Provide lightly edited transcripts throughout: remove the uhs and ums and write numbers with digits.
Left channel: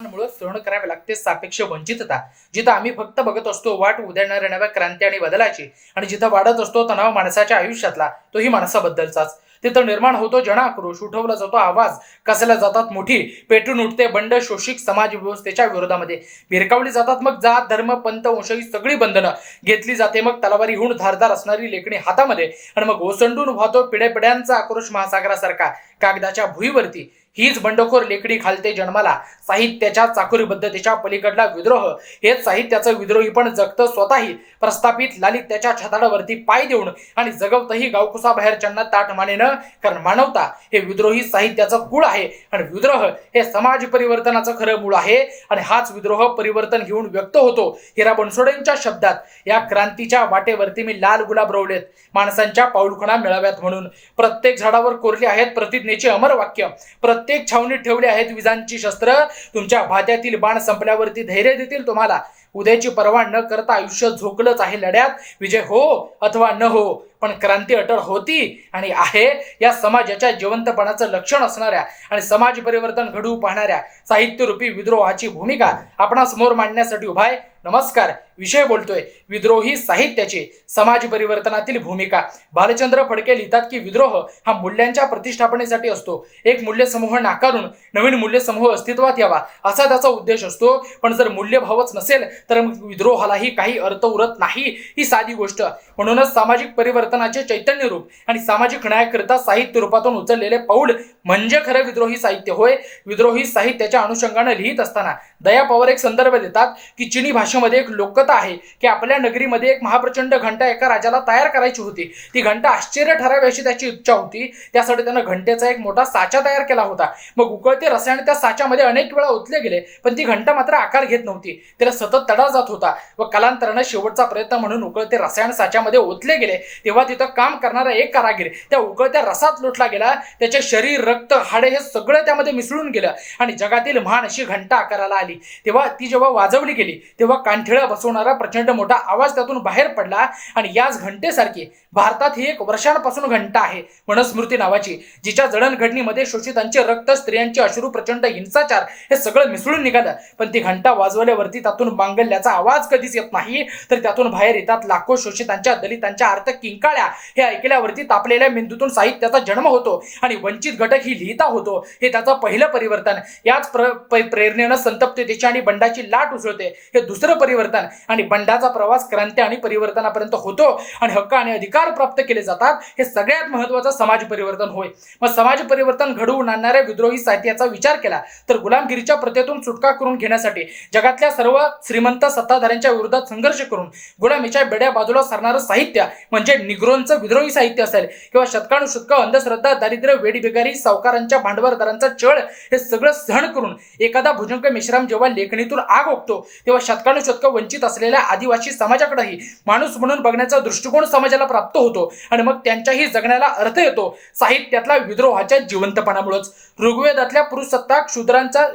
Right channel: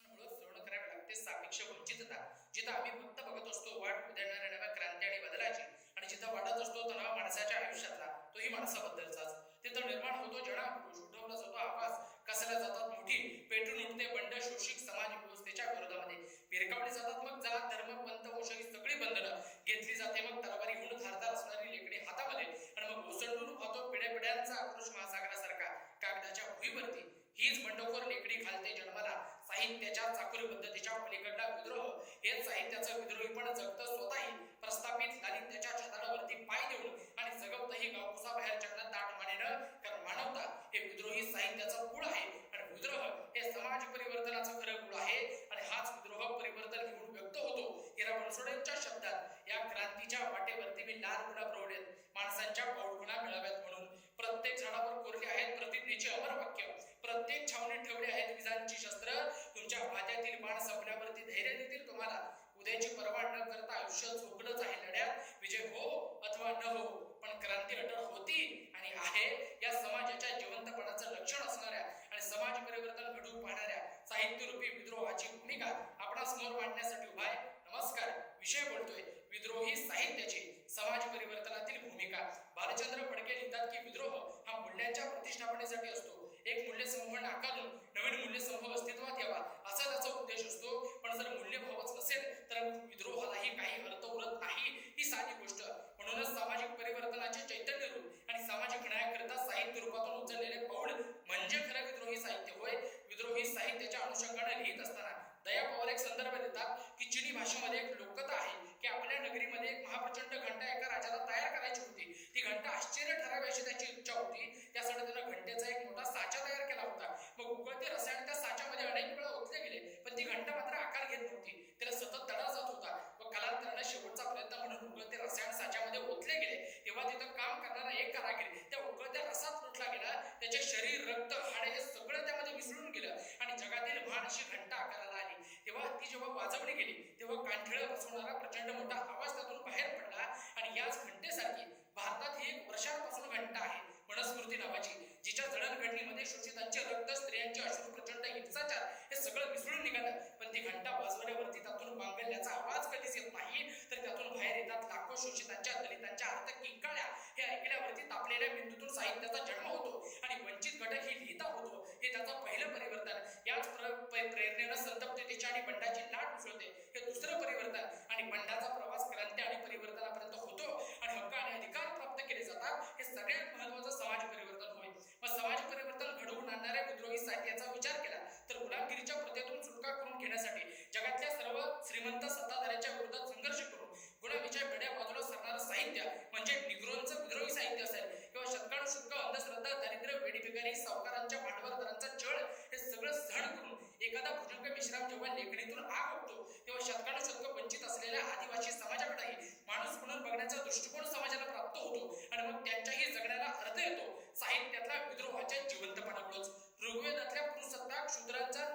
मुळे सहन करावे लागते सापेक्ष वंचितता, जिथं आम्ही फक्त बघत असतो वाट उधळणाऱ्या नव्या क्रांती आणि बदलाची, आणि जिथं वाढत असतो तणाव माणसाच्या आयुष्यातला, तोही माणसाबद्दलचाच. तिथं निर्माण होतो जनाक्रोश, उठवला जातो आवाज, कसल्या जातात मुठी, पेटून उठते बंड शोषिक समाज व्यवस्थेच्या विरोधामध्ये. भिरकावली जातात मग जात धर्म पंथ वंश ही सगळी बंधनं, घेतली जाते मग तलवारीहून धारदार असणारी लेखणी हातामध्ये, आणि मग ओसंडून वाहतो पिढ्यापिढ्यांचा आक्रोश महासागरासारखा कागदाच्या भुईवरती. हीच बंडखोर लेखणी घालते जन्माला साहित्याच्या चाकोरीबद्धतेच्या पलीकडला विद्रोह. हेच साहित्याचं विद्रोही पण जगतं स्वतःही प्रस्थापित लालित्याच्या छताडावरती पाय देऊन, आणि जगवतही गावकुसाबाहेरच्यांना ताट मानेनं. कारण मानवता हे विद्रोही साहित्याचं कुळ आहे, आणि विद्रोह हे समाज परिवर्तनाचं खरं मूळ आहे. आणि हाच विद्रोह परिवर्तन घेऊन व्यक्त होतो. हिरा बनसोडेंच्या शब्दात, या क्रांतीच्या वाटेवरती मी लाल गुलाब रोवलेत माणसांच्या पाऊलखुणा मिळाव्यात म्हणून. प्रत्येक झाडावर कोरली आहेत प्रतिज्ञेची अमर वाक्य, प्रत्येक छावणीत ठेवली आहेत विजांची शस्त्र. तुमच्या भात्यातील बाण संपल्यावरती धैर्य देतील तुम्हाला. उद्याची पर्वा न करता आयुष्य झोकलंच आहे लढ्यात. विजय हो अथवा न हो, पण क्रांती अटळ होती आणि आहे. या समाजाच्या जिवंतपणाचं लक्षण असणाऱ्या आणि समाज परिवर्तन घडवू पाहणाऱ्या साहित्यरूपी विद्रोहाची भूमिका आपणासमोर मांडण्यासाठी उभा आहे. नमस्कार. विषय बोलतोय विद्रोही साहित्याची समाज परिवर्तनातील भूमिका. भालचंद्र फडके लिहितात की विद्रोह हा मूल्यांच्या प्रतिष्ठापनेसाठी असतो. एक मूल्यसमूह नाकारून नवीन मूल्यसमूह अस्तित्वात यावा असा त्याचा उद्देश असतो. पण जर मूल्यभावच नसेल तर विद्रोहालाही काही अर्थ उरत नाही, ही साधी गोष्ट. म्हणूनच सामाजिक परिवर्तनाचे चैतन्य रूप आणि सामाजिक न्यायाकरिता साहित्य रूपातून उचललेले पाऊल म्हणजे खरं विद्रोही साहित्य होय. विद्रोही साहित्याच्या अनुषंगाने लिहित असताना दया पवार एक संदर्भ देतात की चिनी भाषेमध्ये एक लोककथा आहे की आपल्या नगरीमध्ये एक महाप्रचंड घंटा एका राजाला तयार करायची होती. ती घंटा आश्चर्य ठरावी अशी त्याची इच्छा होती. त्यासाठी त्यानं घंटेचा एक मोठा साचा तयार केला होता. मग उकळते रसायन त्या साच्यामध्ये अनेक वेळा ओतले गेले, पण ती घंटा मात्र आकार घेत नव्हती. त्याला सतत तडा जात होता व कालांतराने शेवटचा प्रयत्न म्हणून उकळते रसायन साच्यामध्ये ओतले गेले. तेव्हा तिथं काम करणारा एक कारागीर त्या उकळत्या रसात लोटला गेला. त्याचे शरीर रक्त हाडे हे सगळं त्यामध्ये मिसळून गेलं आणि जगातील महान अशी घंटा आकाराला आली. तेव्हा ती जेव्हा वाजवली गेली तेव्हा कानठिळा बसवणारा प्रचंड मोठा आवाज त्यातून बाहेर पडला. आणि याच घंटेसारखी भारतात ही एक वर्षांपासून घंटा आहे मनस्मृती नावाची, जिच्या जडणघडणीमध्ये शोषितांचे रक्त, स्त्रियांचे अश्रू, प्रचंड हिंसाचार हे सगळं मिसळून निघालं. पण ती घंटा वाजवल्यावरती त्यातून मांगल्याचा आवाज कधीच येत नाही, तर त्यातून बाहेर येतात लाखो शोषितांच्या, दलितांच्या आर्त किंकाळ्या. हे ऐकल्यावरती तापलेल्या मेंदूतून साहित्याचा जन्म होतो आणि वंचित घटक ही लिहिता होतो. हे त्याचं पहिलं परिवर्तन. याच प्रेरणेनं संतप्ततेची आणि बंडाची लाट उसळते. हे दुसरं परिवर्तन. आणि बंडाचा प्रवास क्रांती आणि परिवर्तनापर्यंत होतो आणि हक्क आणि अधिकार प्राप्त केले जातात. हे सगळ्यात महत्वाचं समाज परिवर्तन होय. मग समाज परिवर्तन घडवून आणणाऱ्या विद्रोही साहित्याचा विचार केला तर गुलामगिरीच्या प्रथेतून सुटका करून घेण्यासाठी जगातल्या सर्व श्रीमंत सत्ताधाऱ्यांच्या विरोधात संघर्ष करून गुलामीच्या बेड्या बाजूला सरणारं साहित्य म्हणजे निग्रोंचं विद्रोही साहित्य असेल किंवा शतकानुशतक अंधश्रद्धा, दारिद्र्य, वेडीबेकारी, सावकारांच्या भांडवलदारांचा छळ हे सगळं सहन करून एखादा भुजंग मेश्राम जेव्हा लेखणीतून आग ओकतो तेव्हा शतकानुशतक वंचित असलेल्या आदिवासी समाजाकडेही माणूस म्हणून बघण्याचा दृष्टिकोन समाजाला प्राप्त होतो आणि मग त्यांच्याही जगण्याला अर्थ येतो साहित्यातल्या विद्रोहाच्या जिवंतपणामुळेच. ऋग्वेदातल्या पुरुषसत्ताक शूद्रांचा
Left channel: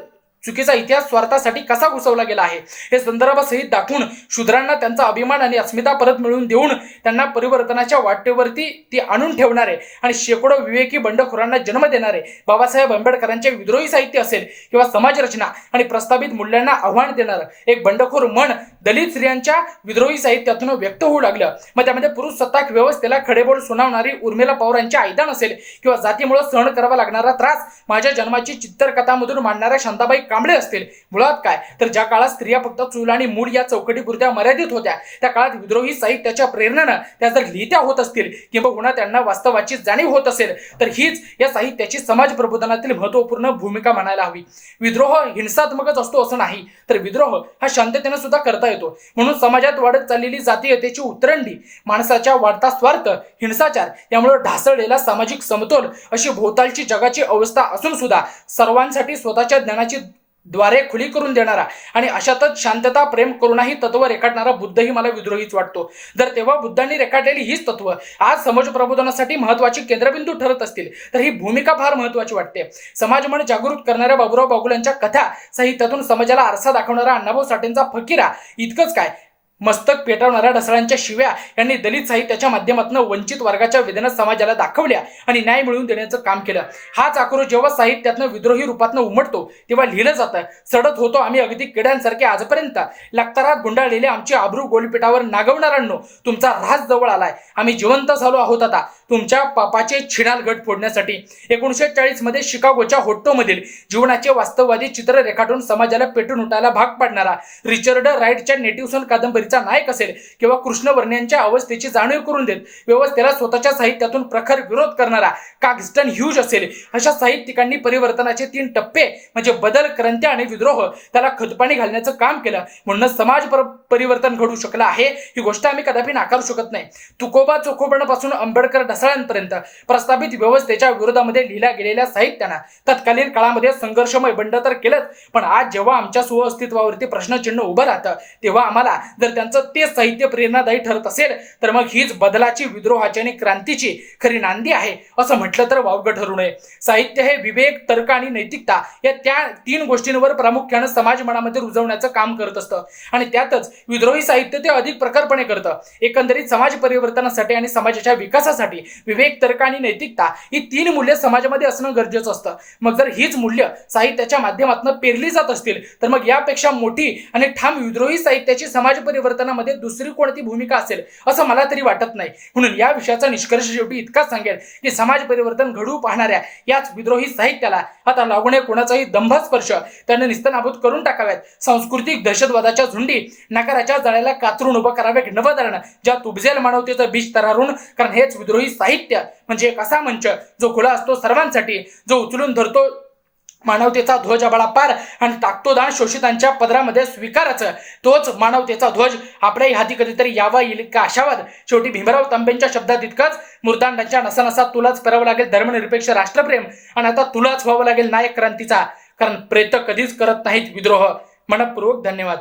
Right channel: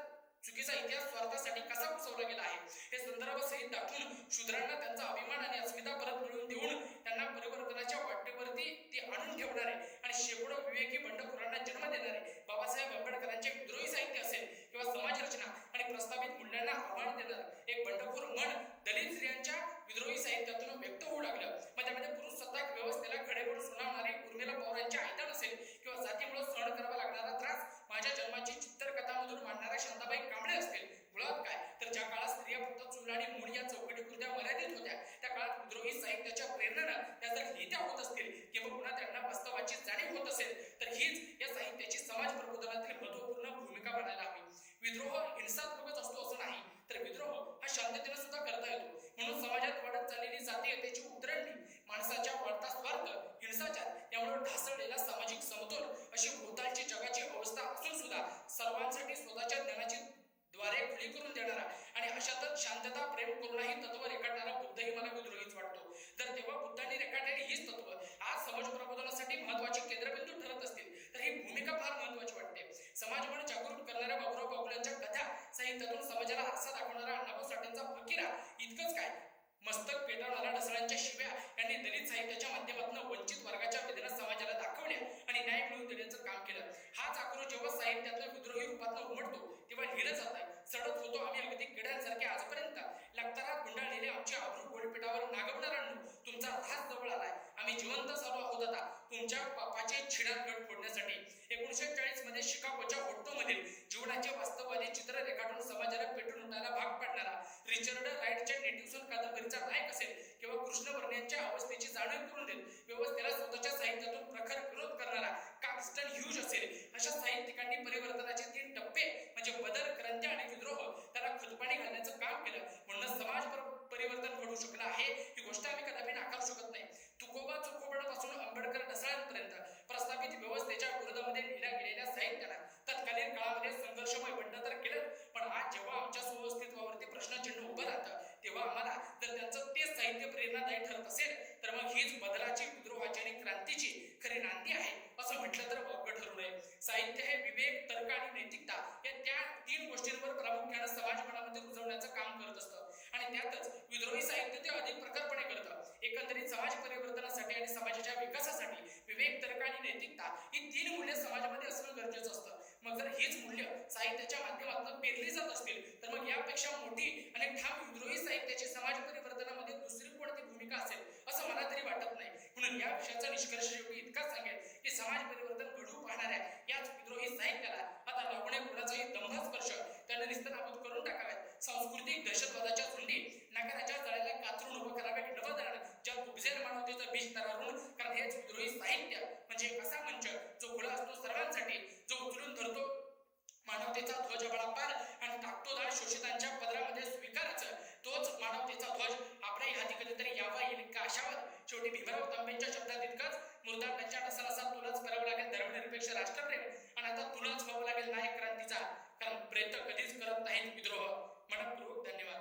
चुकीचा इतिहास स्वार्थासाठी कसा घुसवला गेला आहे हे संदर्भासहित दाखवून शूद्रांना त्यांचा अभिमान आणि अस्मिता परत मिळवून देऊन त्यांना परिवर्तनाच्या वाटेवरती ती आणून ठेवणारे आणि शेकडो विवेकी बंडखोरांना जन्म देणारे बाबासाहेब आंबेडकरांचे विद्रोही साहित्य असेल किंवा समाजरचना आणि प्रस्तावित मूल्यांना आव्हान देणारं एक बंडखोर मन दलित स्त्रियांच्या विद्रोही साहित्यातून व्यक्त होऊ लागलं. मग त्यामध्ये पुरुष सत्ताक व्यवस्थेला खडेबोल सुनावणारी उर्मिला पवार यांची आयदान असेल किंवा जातीमुळे सहन करावा लागणारा त्रास माझ्या जन्माची चित्रकथामधून मांडणाऱ्या शांताबाई कांबळे असतील. मुळात काय तर ज्या काळात स्त्रिया फक्त चूल आणि मूल या चौकटीपुरत्या मर्यादित होत्या त्या काळात विद्रोही साहित्याच्या प्रेरणेनं त्या जर लिहित्या होत असतील किंवा त्यांना वास्तवाची जाणीव होत असेल तर हीच या साहित्याची समाज प्रबोधनातील महत्वपूर्ण भूमिका म्हणायला हवी. विद्रोह हिंसात्मकच असतो असं नाही, तर विद्रोह हा शांततेने सुद्धा करता येतो. म्हणून समाजात वाढत चाललेली जातीयतेची उतरंडी, माणसाच्या वाढता स्वार्थ, हिंसाचार यामुळे ढासळलेला सामाजिक समतोल अशी भोवतालची जगाची अवस्था असून सुद्धा सर्वांसाठी स्वतःच्या ज्ञानाची द्वारे खुली करून देणारा आणि अशातच शांतता, प्रेम, करुणा ही तत्व रेखाटणारा बुद्धही मला विद्रोहीच वाटतो. जर तेव्हा बुद्धांनी रेखाटलेली हीच तत्व आज समाज प्रबोधनासाठी महत्वाची केंद्रबिंदू ठरत असतील तर ही भूमिका फार महत्वाची वाटते. समाज मन जागृत करणाऱ्या बाबुराव बागुलांच्या कथा साहित्यातून समाजाला आरसा दाखवणारा अण्णाभाऊ साठेंचा फकीरा इतकंच काय मस्तक पेटवणाऱ्या ढसाळांच्या शिव्या यांनी दलित साहित्याच्या माध्यमातून वंचित वर्गाच्या वेदना समाजाला दाखवल्या आणि न्याय मिळवून देण्याचं काम केलं. हाच आक्रोश जेव्हा साहित्यातनं विद्रोही रूपातनं उमटतो तेव्हा लिहिलं जातं, सडत होतो आम्ही अगदी किड्यांसारखे आजपर्यंत. लक्तरात गुंडाळलेले आमची आबरू गोलपीठावर नागवणाऱ्यांनो, तुमचा राज जवळ आलाय. आम्ही जिवंत झालो आहोत आता तुमच्या पापाचे छिणाल गट फोडण्यासाठी. 1940 मध्ये शिकागोच्या होट्टोमधील जीवनाचे वास्तववादी चित्र रेखाटून समाजाला पेटून उठायला भाग पाडणारा रिचर्ड राईटच्या नेटिव्ह सन कादंबरीचा नायक असेल किंवा कृष्णवर्णीयांच्या अवस्थेची जाणीव करून देत व्यवस्थेला स्वतःच्या साहित्यातून प्रखर विरोध करणारा काक्स्टन ह्यूज असेल, अशा साहित्यिकांनी परिवर्तनाचे 3 टप्पे म्हणजे बदल, क्रांती आणि विद्रोह त्याला खतपाणी घालण्याचं काम केलं. म्हणून समाज परिवर्तन घडू शकलं आहे ही गोष्ट आम्ही कदापि नाकारू शकत नाही. तुकोबा चोखोबणापासून आंबेडकर ढसाळांपर्यंत प्रस्थापित व्यवस्थेच्या विरोधामध्ये लिहिल्या गेलेल्या साहित्यानं तत्कालीन काळामध्ये संघर्षमय बंड तर केलंच, पण आज जेव्हा आमच्या सुअस्तित्वावरती प्रश्नचिन्ह उभं राहतं तेव्हा आम्हाला जर त्यांचं तेच साहित्य प्रेरणादायी ठरत असेल तर मग हीच बदलाची, विद्रोहाची आणि क्रांतीची खरी नांदी आहे असं म्हटलं तर वावगं ठरू नये. साहित्य हे विवेक, तर्क आणि नैतिकता या त्या 3 गोष्टींवर प्रामुख्यानं समाज मनामध्ये रुजवण्याचं काम करत असतं आणि त्यातच विद्रोही साहित्य ते अधिक प्रखरपणे करतं. एकंदरीत समाज परिवर्तनासाठी आणि समाजाच्या विकासासाठी विवेक, तर्क आणि नैतिकता ही 3 मूल्य समाजामध्ये असणं गरजेचं असतं. मग जर हीच मूल्य साहित्याच्या माध्यमातून पेरली जात असतील तर मग यापेक्षा मोठी आणि ठाम विद्रोही साहित्याची समाज परिवर्तनामध्ये दुसरी कोणती भूमिका असेल असं मला तरी वाटत नाही. म्हणून या विषयाचा निष्कर्ष शेवटी इतकाच सांगेल की समाज परिवर्तन घडवू पाहणाऱ्या याच विद्रोही साहित्याला आता लागू नये कोणाचाही दंभस्पर्श त्याने निस्तनाबूत करून टाकाव्यात. सांस्कृतिक दहशतवादाच्या झुंडी नकाराच्या जाळ्याला कातरून उभं करावे नवधरण ज्यात उपजेल मानवतेचं बीज तरारून, कारण हेच विद्रोही साहित्य म्हणजे एक असा मंच जो खुला असतो सर्वांसाठी, जो उचलून धरतो मानवतेचा ध्वज आभाळापार आणि टाकतो दान शोषितांच्या पदरामध्ये स्वीकाराचं. तोच मानवतेचा ध्वज आपल्याही हाती कधीतरी यावा येईल का आशावाद. शेवटी भीमराव तांबेंच्या शब्दात इतकंच, मुर्दांडांच्या नसानसात तुलाच करावं लागेल धर्मनिरपेक्ष राष्ट्रप्रेम आणि आता तुलाच व्हावं लागेल नायक क्रांतीचा, कारण प्रेत कधीच करत नाहीत विद्रोह. मनपूर्वक धन्यवाद.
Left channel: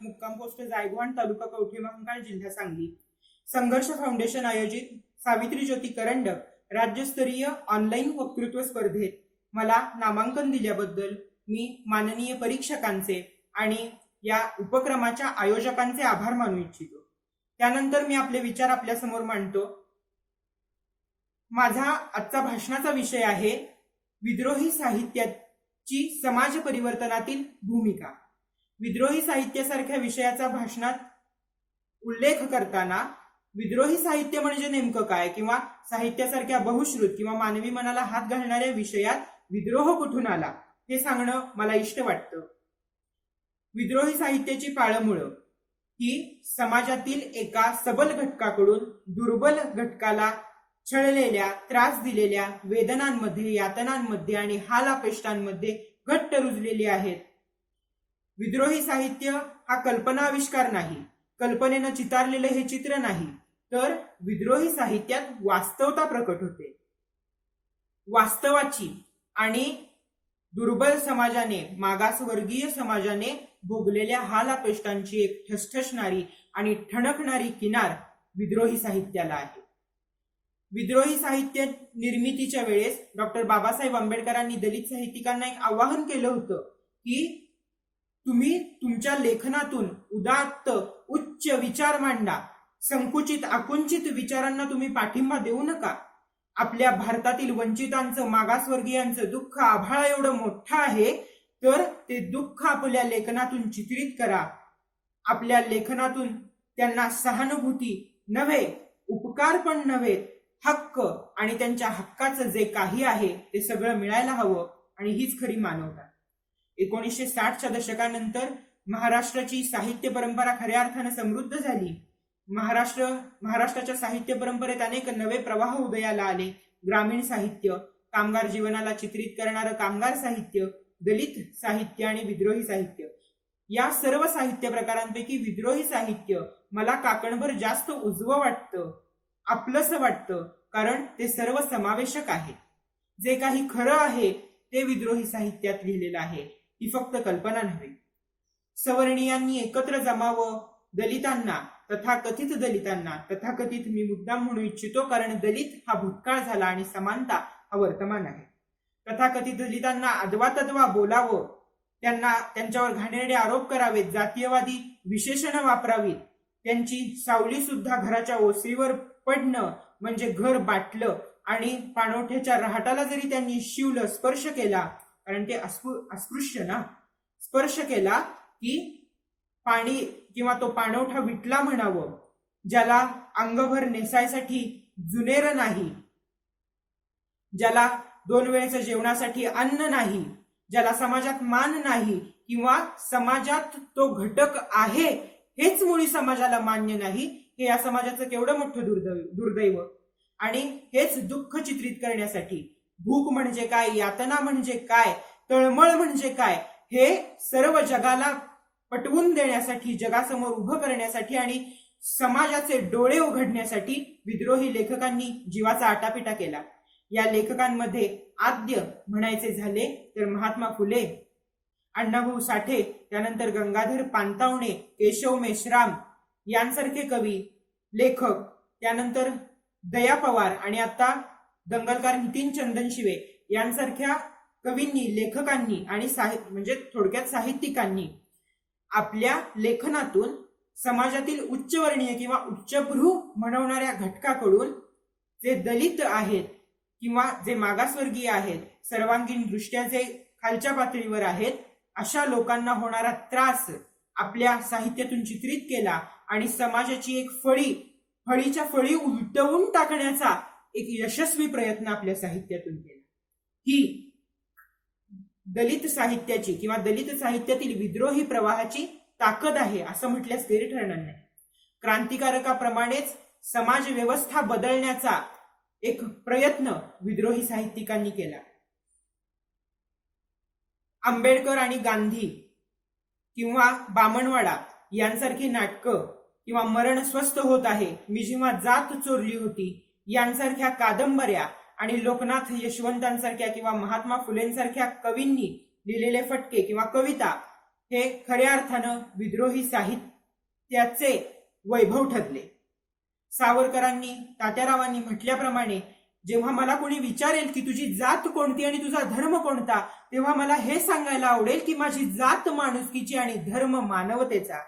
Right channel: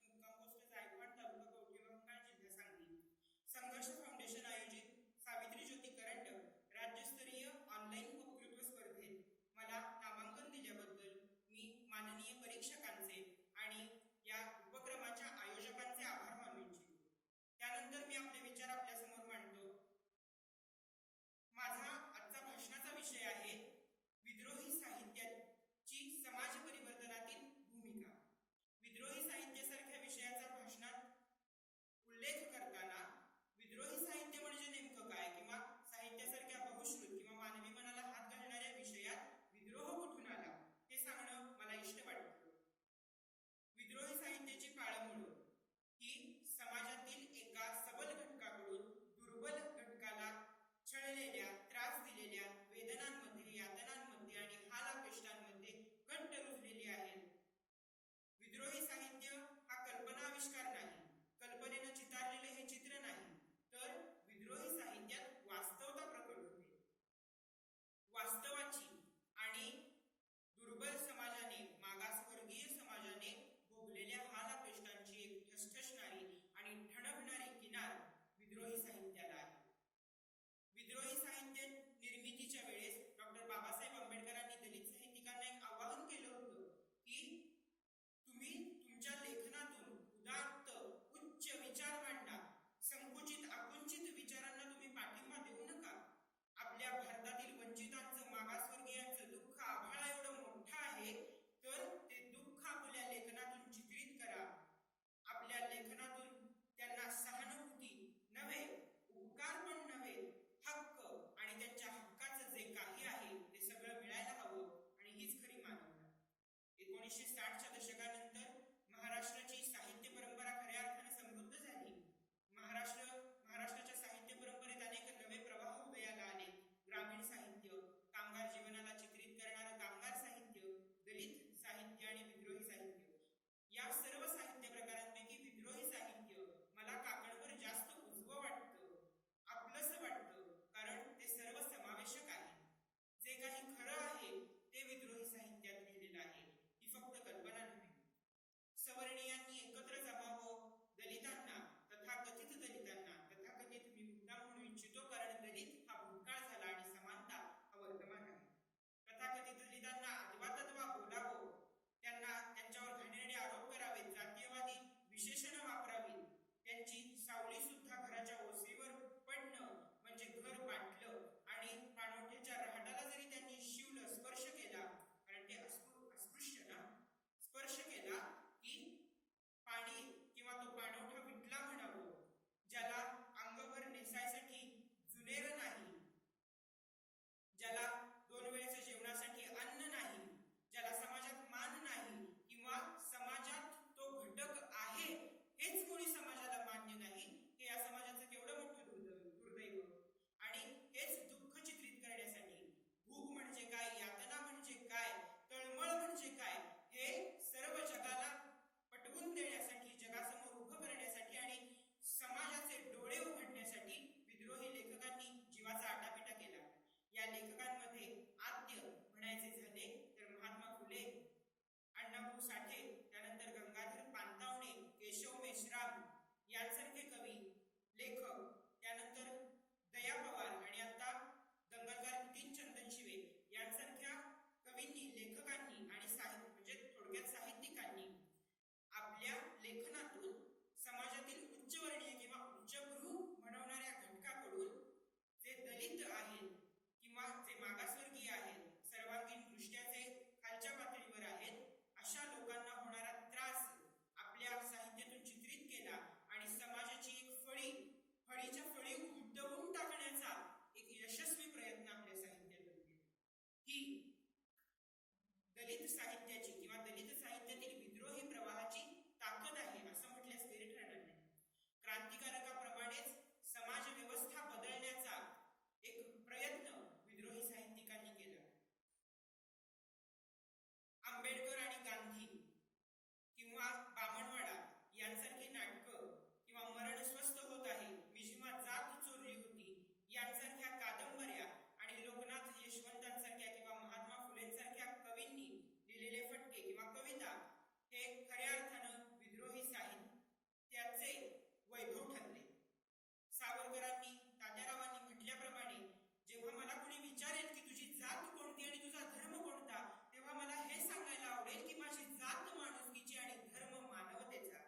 मुक्काम पोस्ट जायगवान, तालुका कवठे महांकाळ, जिल्हा सांगली. संघर्ष फाउंडेशन आयोजित सावित्री ज्योती करंडक राज्यस्तरीय ऑनलाईन वक्तृत्व स्पर्धेत मला नामांकन दिल्याबद्दल मी माननीय परीक्षकांचे आणि या उपक्रमाच्या आयोजकांचे आभार मानू इच्छितो. त्यानंतर मी आपले विचार आपल्या समोर मांडतो. माझा आजचा भाषणाचा विषय आहे विद्रोही साहित्याची समाज परिवर्तनातील भूमिका. विद्रोही साहित्यासारख्या विषयाचा भाषणात उल्लेख करताना विद्रोही साहित्य म्हणजे नेमकं काय किंवा साहित्यासारख्या बहुश्रुत किंवा मानवी मनाला हात घालणाऱ्या विषयात विद्रोह कुठून आला हे सांगणं मला इष्ट वाटतं. विद्रोही साहित्याची पाळंमुळं ही समाजातील एका सबल घटकाकडून दुर्बल घटकाला छळलेल्या, त्रास दिलेल्या वेदनांमध्ये, यातनांमध्ये आणि हालापेष्टांमध्ये घट्ट रुजलेली आहेत. विद्रोही साहित्य हा कल्पनाविष्कार नाही, कल्पनेनं चितारलेलं हे चित्र नाही, तर विद्रोही साहित्यात वास्तवता प्रकट होते. वास्तवाची आणि दुर्बल समाजाने, मागासवर्गीय समाजाने भोगलेल्या हालापेष्टांची एक ठसठसणारी आणि ठणकणारी किनार विद्रोही साहित्याला आहे. विद्रोही साहित्य निर्मितीच्या वेळेस डॉक्टर बाबासाहेब आंबेडकरांनी दलित साहित्यिकांना एक आवाहन केलं होतं की तुम्ही तुमच्या लेखनातून उदात्त उच्च विचार मांडा, संकुचित आकुंचित विचारांना तुम्ही पाठिंबा देऊ नका. आपल्या भारतातील वंचितांचं, मागासवर्गीयांचं दुःख आभाळा एवढं मोठं आहे, तर ते दुःख आपल्या लेखनातून चित्रित करा. आपल्या लेखनातून त्यांना सहानुभूती नव्हे, उपकार पण नव्हे, हक्क आणि त्यांच्या हक्काचं जे काही आहे ते सगळं मिळायला हवं आणि हीच खरी मानवता. 1960च्या दशकानंतर महाराष्ट्राची साहित्य परंपरा खऱ्या अर्थानं समृद्ध झाली. महाराष्ट्राच्या साहित्य परंपरेत अनेक नवे प्रवाह उदयाला आले. ग्रामीण साहित्य, कामगार जीवनाला चित्रित करणारं कामगार साहित्य, दलित साहित्य आणि विद्रोही साहित्य. या सर्व साहित्य प्रकारांपैकी विद्रोही साहित्य मला काकणभर जास्त उजवं वाटतं, आपलंसं वाटतं, कारण ते सर्व समावेशक आहे. जे काही खरं आहे ते विद्रोही साहित्यात लिहिलेलं आहे, ही फक्त कल्पना नव्हे. सवर्णीयांनी एकत्र जमावं, दलितांना, तथाकथित दलितांना, तथाकथित मी मुद्दाम म्हणू इच्छितो कारण दलित हा भूतकाळ झाला आणि समानता हा वर्तमान आहे. तथाकथित दलितांना अद्वातद्वा बोलावं, त्यांच्यावर घाणेरडे आरोप करावेत, जातीयवादी विशेषणं वापरावीत, त्यांची सावली सुद्धा घराच्या ओसरीवर पडणं म्हणजे घर बाटलं आणि पाणवठ्याच्या रहाटाला जरी त्यांनी शिवलं, स्पर्श केला, कारण ते अस्पृश्य ना, स्पर्श केला की पाणी किंवा तो पाणवठा विटला म्हणावं. ज्याला अंगभर नेसायसाठी जुनेर नाही, ज्याला 2 वेळेच्या जेवणासाठी अन्न नाही, ज्याला समाजात मान नाही किंवा समाजात तो घटक आहे हेच मुळी समाजाला मान्य नाही, हे या समाजाचं केवढं मोठं दुर्दैव. आणि हेच दुःख चित्रित करण्यासाठी भूक म्हणजे काय, यातना म्हणजे काय, तळमळ म्हणजे काय, हे सर्व जगाला पटवून देण्यासाठी, जगासमोर उभं करण्यासाठी आणि समाजाचे डोळे उघडण्यासाठी विद्रोही लेखकांनी जीवाचा आटापिटा केला. या लेखकांमध्ये आद्य म्हणायचे झाले तर महात्मा फुले, अण्णाभाऊ साठे, त्यानंतर गंगाधर पानतावणे, केशव मेश्राम यांसारखे कवी, लेखक, त्यानंतर दया पवार आणि आता दंगलकार नितीन चंदनशिवे यांसारख्या कवींनी, लेखकांनी आणि म्हणजे थोडक्यात साहित्यिकांनी आपल्या लेखनातून समाजातील उच्चवर्णीय किंवा उच्चभ्रू म्हणवणाऱ्या घटकाकडून जे दलित आहेत किंवा जे मागासवर्गीय आहेत, सर्वांगीण दृष्ट्या जे खालच्या पातळीवर आहेत, अशा लोकांना होणारा त्रास आपल्या साहित्यातून चित्रित केला आणि समाजाची एक फळीच्या फळी उलटवून टाकण्याचा एक यशस्वी प्रयत्न आपल्या साहित्यातून केला. ही दलित साहित्याची किंवा दलित साहित्यातील विद्रोही प्रवाहाची ताकद आहे असं म्हटल्यास गैर ठरणार नाही. क्रांतिकारकाप्रमाणेच समाज व्यवस्था बदलण्याचा एक प्रयत्न विद्रोही साहित्यिकांनी केला. आंबेडकर आणि गांधी किंवा बामणवाडा यांसारखी नाटकं किंवा मरण स्वस्थ होत आहे, मी जेव्हा जात चोरली होती यांसारख्या कादंबऱ्या आणि लोकनाथ यशवंतांसारख्या किंवा महात्मा फुलेंसारख्या कवींनी लिहिलेले फटके किंवा कविता हे खऱ्या अर्थानं विद्रोही साहित्याचे वैभव ठरले. सावरकरांनी, तात्यारावांनी म्हटल्याप्रमाणे जेव्हा मला कोणी विचारेल की तुझी जात कोणती आणि तुझा धर्म कोणता, तेव्हा मला हे सांगायला आवडेल की माझी जात माणुसकीची आणि धर्म मानवतेचा.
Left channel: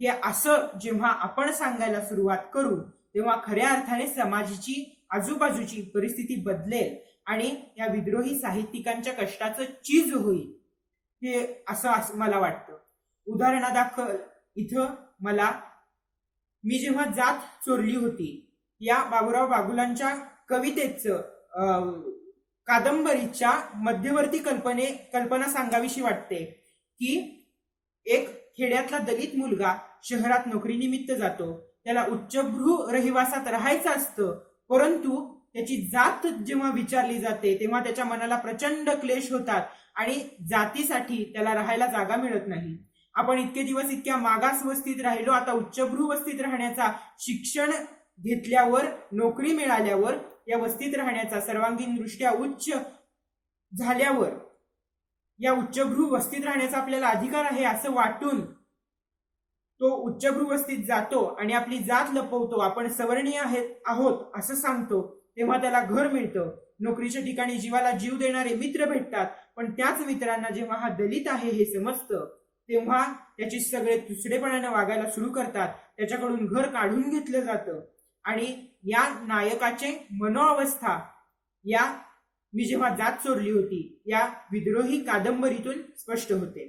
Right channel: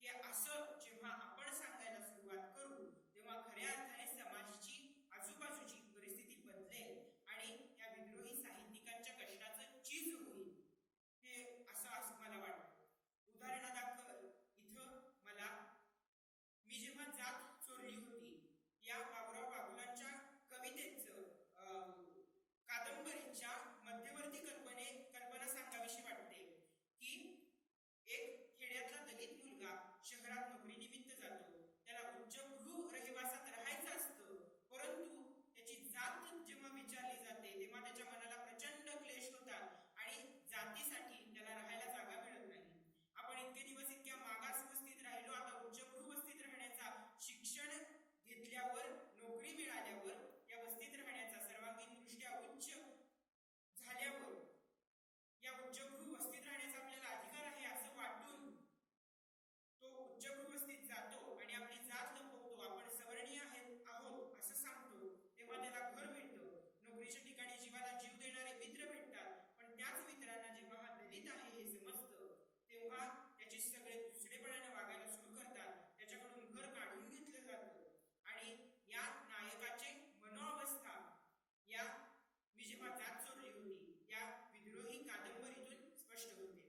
हे असं जेव्हा आपण सांगायला सुरुवात करू तेव्हा खऱ्या अर्थाने समाजाची आजूबाजूची परिस्थिती बदलेल आणि या विद्रोही साहित्यिकांच्या कष्टाचं चीज होईल, हे असं मला वाटतं. उदाहरणादाखल इथं मी जेव्हा जात चोरली होती या बाबुराव बागुलांच्या कवितेचं कादंबरीच्या मध्यवर्ती कल्पना सांगावीशी वाटते की एक खेड्यातला दलित मुलगा शहरात नोकरीनिमित्त जातो, त्याला उच्चभ्रू रहिवासात राहायचं असतं, परंतु त्याची जात जेव्हा विचारली जाते तेव्हा त्याच्या मनाला प्रचंड क्लेश होतात आणि जातीसाठी त्याला राहायला जागा मिळत नाही. आपण इतके दिवस इतक्या मागास वस्तीत राहिलो, आता उच्चभ्रू वस्तीत राहण्याचा, शिक्षण घेतल्यावर, नोकरी मिळाल्यावर या वस्तीत राहण्याचा, सर्वांगीण दृष्ट्या उच्च झाल्यावर या उच्चभ्रू वस्तीत राहण्याचा आपल्याला अधिकार आहे असं वाटून तो उच्चभ्रू वस्तीत जातो आणि आपली जात लपवतो, आपण सवर्णीय आहोत असं सांगतो. तेव्हा त्याला घर मिळतं, नोकरीच्या ठिकाणी जीवाला जीव देणारे मित्र भेटतात, पण त्याच मित्रांना जेव्हा हा दलित आहे हे समजतं तेव्हा त्याची सगळे तुसडेपणाने वागायला सुरू करतात, त्याच्याकडून घर काढून घेतलं जातं. आणि या नायकाचे मनोअवस्था या मी जेव्हा जात चोरली होती या विद्रोही कादंबरीतून स्पष्ट होते.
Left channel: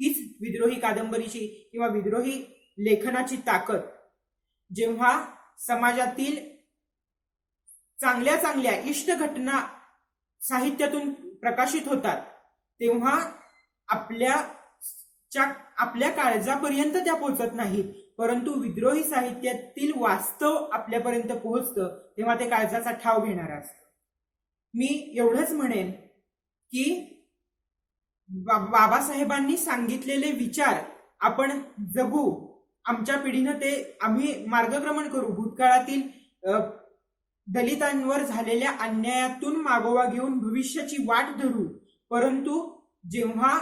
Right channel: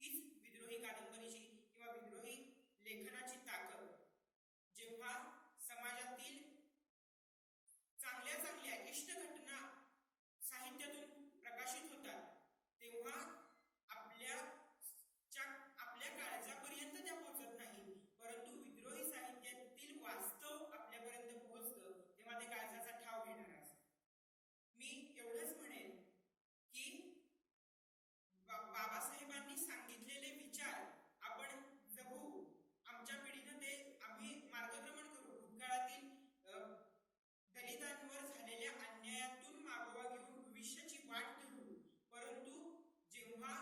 हीच विद्रोही कादंबरीची किंवा विद्रोही लेखनाची ताकद. जेव्हा समाजातील चांगल्या चांगल्या इष्ट घटना साहित्यातून प्रकाशित होतात तेव्हा आपल्या काळजापर्यंत त्या पोहोचत नाहीत, परंतु विद्रोही साहित्यातील वास्तव आपल्यापर्यंत पोहोचतं तेव्हा ते काळजाचा ठाव घेणार असतं. मी एवढंच म्हणेन की बाबासाहेबांनी सांगितलेले विचार आपण जगू, आमच्या पिढीनं ते आम्ही मार्गक्रमण करू, भूतकाळातील दलितांवर झालेल्या अन्यायातून मागोवा घेऊन भविष्याची वाट धरू. परंतु जेव्हा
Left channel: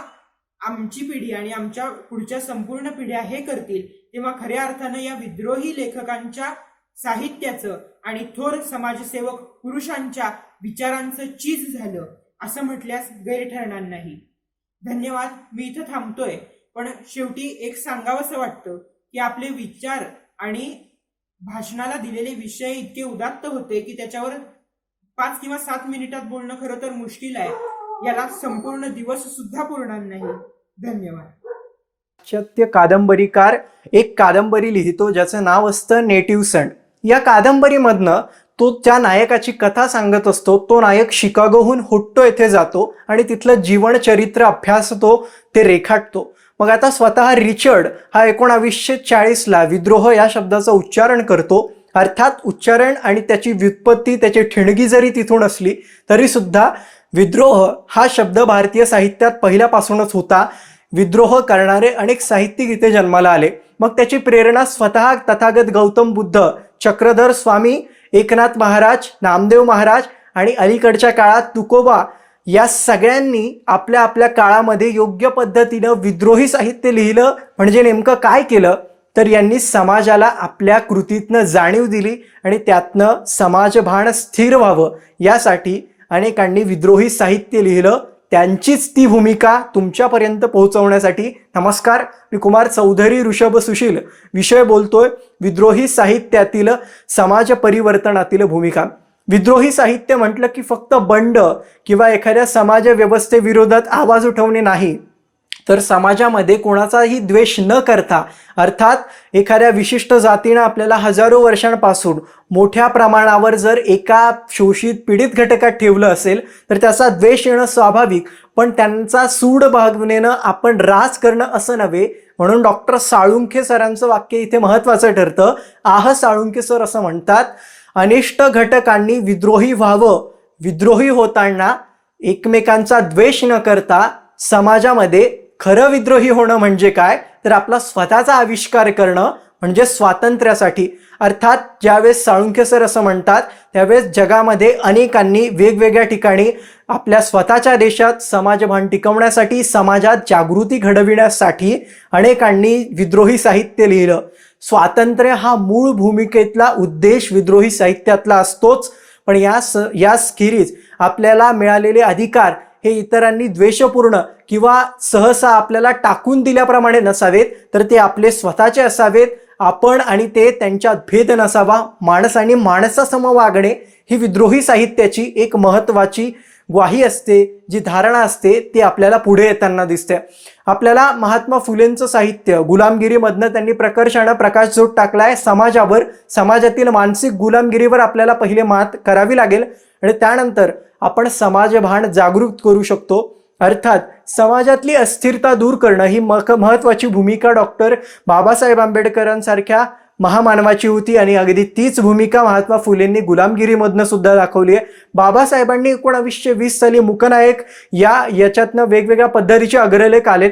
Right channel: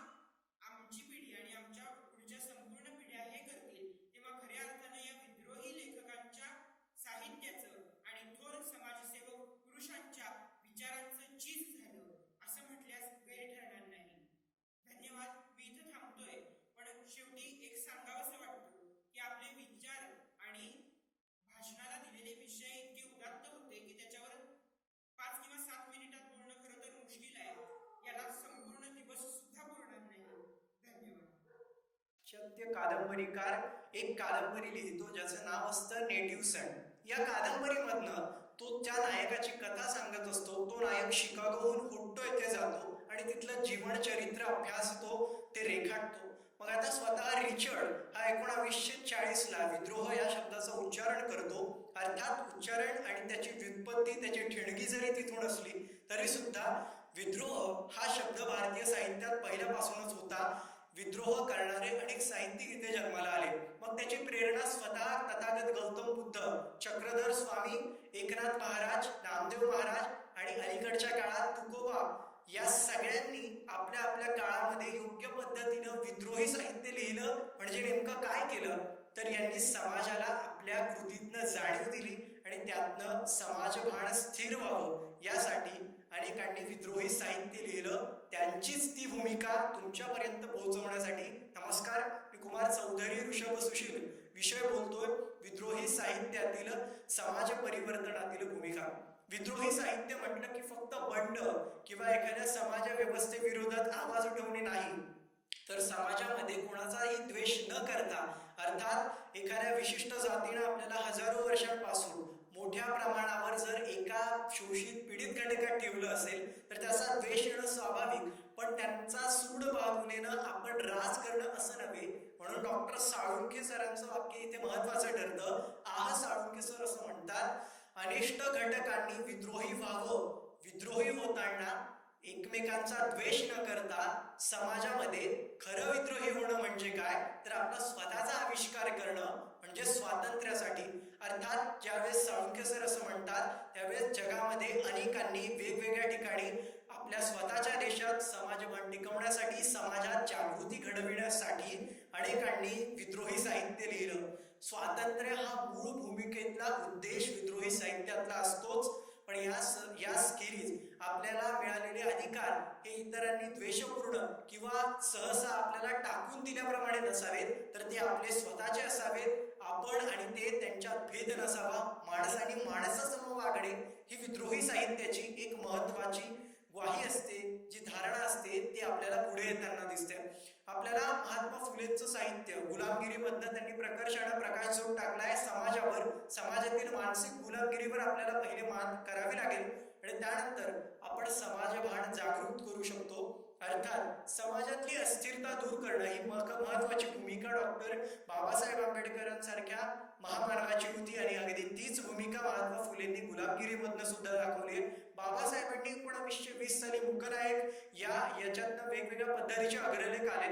आमची पिढी आणि आमच्या पुढच्या संपूर्ण पिढ्या हे करतील तेव्हा खऱ्या अर्थानं या विद्रोही लेखकांच्या साहित्याचं आणि थोर समाजसेवक पुरुषांच्या विचारांचं चीज झालं असं म्हटल्यास गैर ठरणार नाही. धन्यवाद. मी इथं थांबतोय, पण शेवटी एक सांगावंसं वाटतं की आपले विचार आणि भाषणाला दिलेले विषय इतके उदात्त होते की त्याच्यावर 5 किंवा 7 मिनिटात बोलणं खरं तर मुश्किल आहे. याला संपूर्ण दिवस सुद्धा पुरणार नाही. धन्यवाद. पाश्चात्य कादंबरीकार एक कादंबरी लिहितो ज्याचं नाव असतं नेटिव्ह सन. या कादंबरीमधनं तो त्या नायकाची कथा सांगत असतो. तो नायक शिकागोहून होट्टो येथे जातो आणि तिथलं जीवनचरित्र अभ्यासतो, ते रेखाटतो. मग आता स्वतः रिचर्ड हा 1940ला विद्रोह या शब्दाचं उच्चारण करतो. अर्थात उच्चारण आणि त्याची व्युत्पत्ती, त्याची ठिणगी जरी तिथून असली तरी सुद्धा विद्रोह हा शब्द भारतीय साहित्यात पहिल्यापासूनच होता. विद्रोह करणारे अनेक साहित्यिक इथे जन्माला आले. मग त्याची प्रेरणा स्वतः तथागत गौतम बुद्ध, चक्रधर स्वामी, एकनाथ महाराज, नामदेव महाराज आणि अलीकडच्या काळात तुकोबा या सगळ्यांनी आपल्या आपल्या काळामध्ये योग्य पद्धतीनं विद्रोही साहित्य लिहिलं. म्हणजे नेमकं काय केलं तर यांनी समाजाला आपल्या कृतीतनं जाणीव दिली आणि त्यातनं समाजभान स्थिर व्हावं यासाठी अनेकांनी विद्रोही साहित्य लिहिलं. त्यांचीच ती भूमिका तुमच्यापर्यंत पोहोचवण्यासाठी नमस्कार, मी कुमार चौधरी ऋषभ सुशील विषय बोलतोय विद्रोही साहित्यातील समाज परिवर्तनातील भूमिका. विद्रोही साहित्य म्हटलं की फक्त बंड किंवा एखाद्या समाज व्यवस्थेविरोधात आवाज उठवणे नाही, तर समाजामध्ये कोणाचाही द्वेष न करता, अर्थात एखाद्या विशिष्ट जातीनं आपल्याला हजारो वर्षांपासून मोठ्या प्रमाणावर जर एका शोषित पीडित घटकात ठेवलं असेल तर त्याचा द्वेष येणं स्वाभाविक, पण त्यांचा सूड भावनेनं आपण राज करणं असं नव्हे. म्हणून डॉक्टर साळुंखे सरांचं वाक्य इथे महत्त्वाचं ठरतं. साळुंखे सर असं म्हणतात, अनिष्ट घटकांनी विद्रोही व्हावं. विद्रोही होताना एकमेकांचा द्वेष न करता समाजामध्ये खरं विद्रोही होणं म्हणजे काय तर आपला स्वतःचा आविष्कार करणं, म्हणजे स्वातंत्र्यासाठी. अर्थात ज्यावेळेस साळुंखे सर असं म्हणतात त्यावेळेस जगामध्ये अनेकांनी वेगवेगळ्या ठिकाणी आपल्या स्वतःच्या देशात समाजभान टिकवण्यासाठी, समाजात जागृती घडविण्यासाठी अनेकांनी विद्रोही साहित्य लिहिलं. स्वातंत्र्य हा मूळ भूमिकेतला उद्देश विद्रोही साहित्यातला असतोच, पण याखेरीज आपल्याला मिळालेले अधिकार हे इतरांनी द्वेषपूर्ण किंवा सहसा आपल्याला टाकून दिल्याप्रमाणे नसावेत, तर ते आपले स्वतःचे असावेत. आपण आणि ते त्यांच्यात भेद नसावा. माणसाने माणसासम वागणे ही विद्रोही साहित्याची एक महत्त्वाची ग्वाही असते, जी धारणा असते ती आपल्याला पुढे येताना दिसते. आपल्याला महात्मा फुलेंचं साहित्य गुलामगिरीमधनं त्यांनी प्रकर्षानं प्रकाशझोत टाकलाय समाजावर. समाजातील मानसिक गुलामगिरीवर आपल्याला पहिले मात करावी लागेल आणि त्यानंतर आपण समाजभान जागृत करू शकतो. अर्थात समाजातली अस्थिरता दूर करणं ही महत्त्वाची भूमिका डॉक्टर बाबासाहेब आंबेडकरांसारख्या महामानवाची होती आणि अगदी तीच भूमिका महात्मा फुलेंनी गुलामगिरीमधनं सुद्धा दाखवली आहे. बाबासाहेबांनी 1920 साली मूकनायक याच्यातनं वेगवेगळ्या पद्धतीचे अग्रलेख आलेत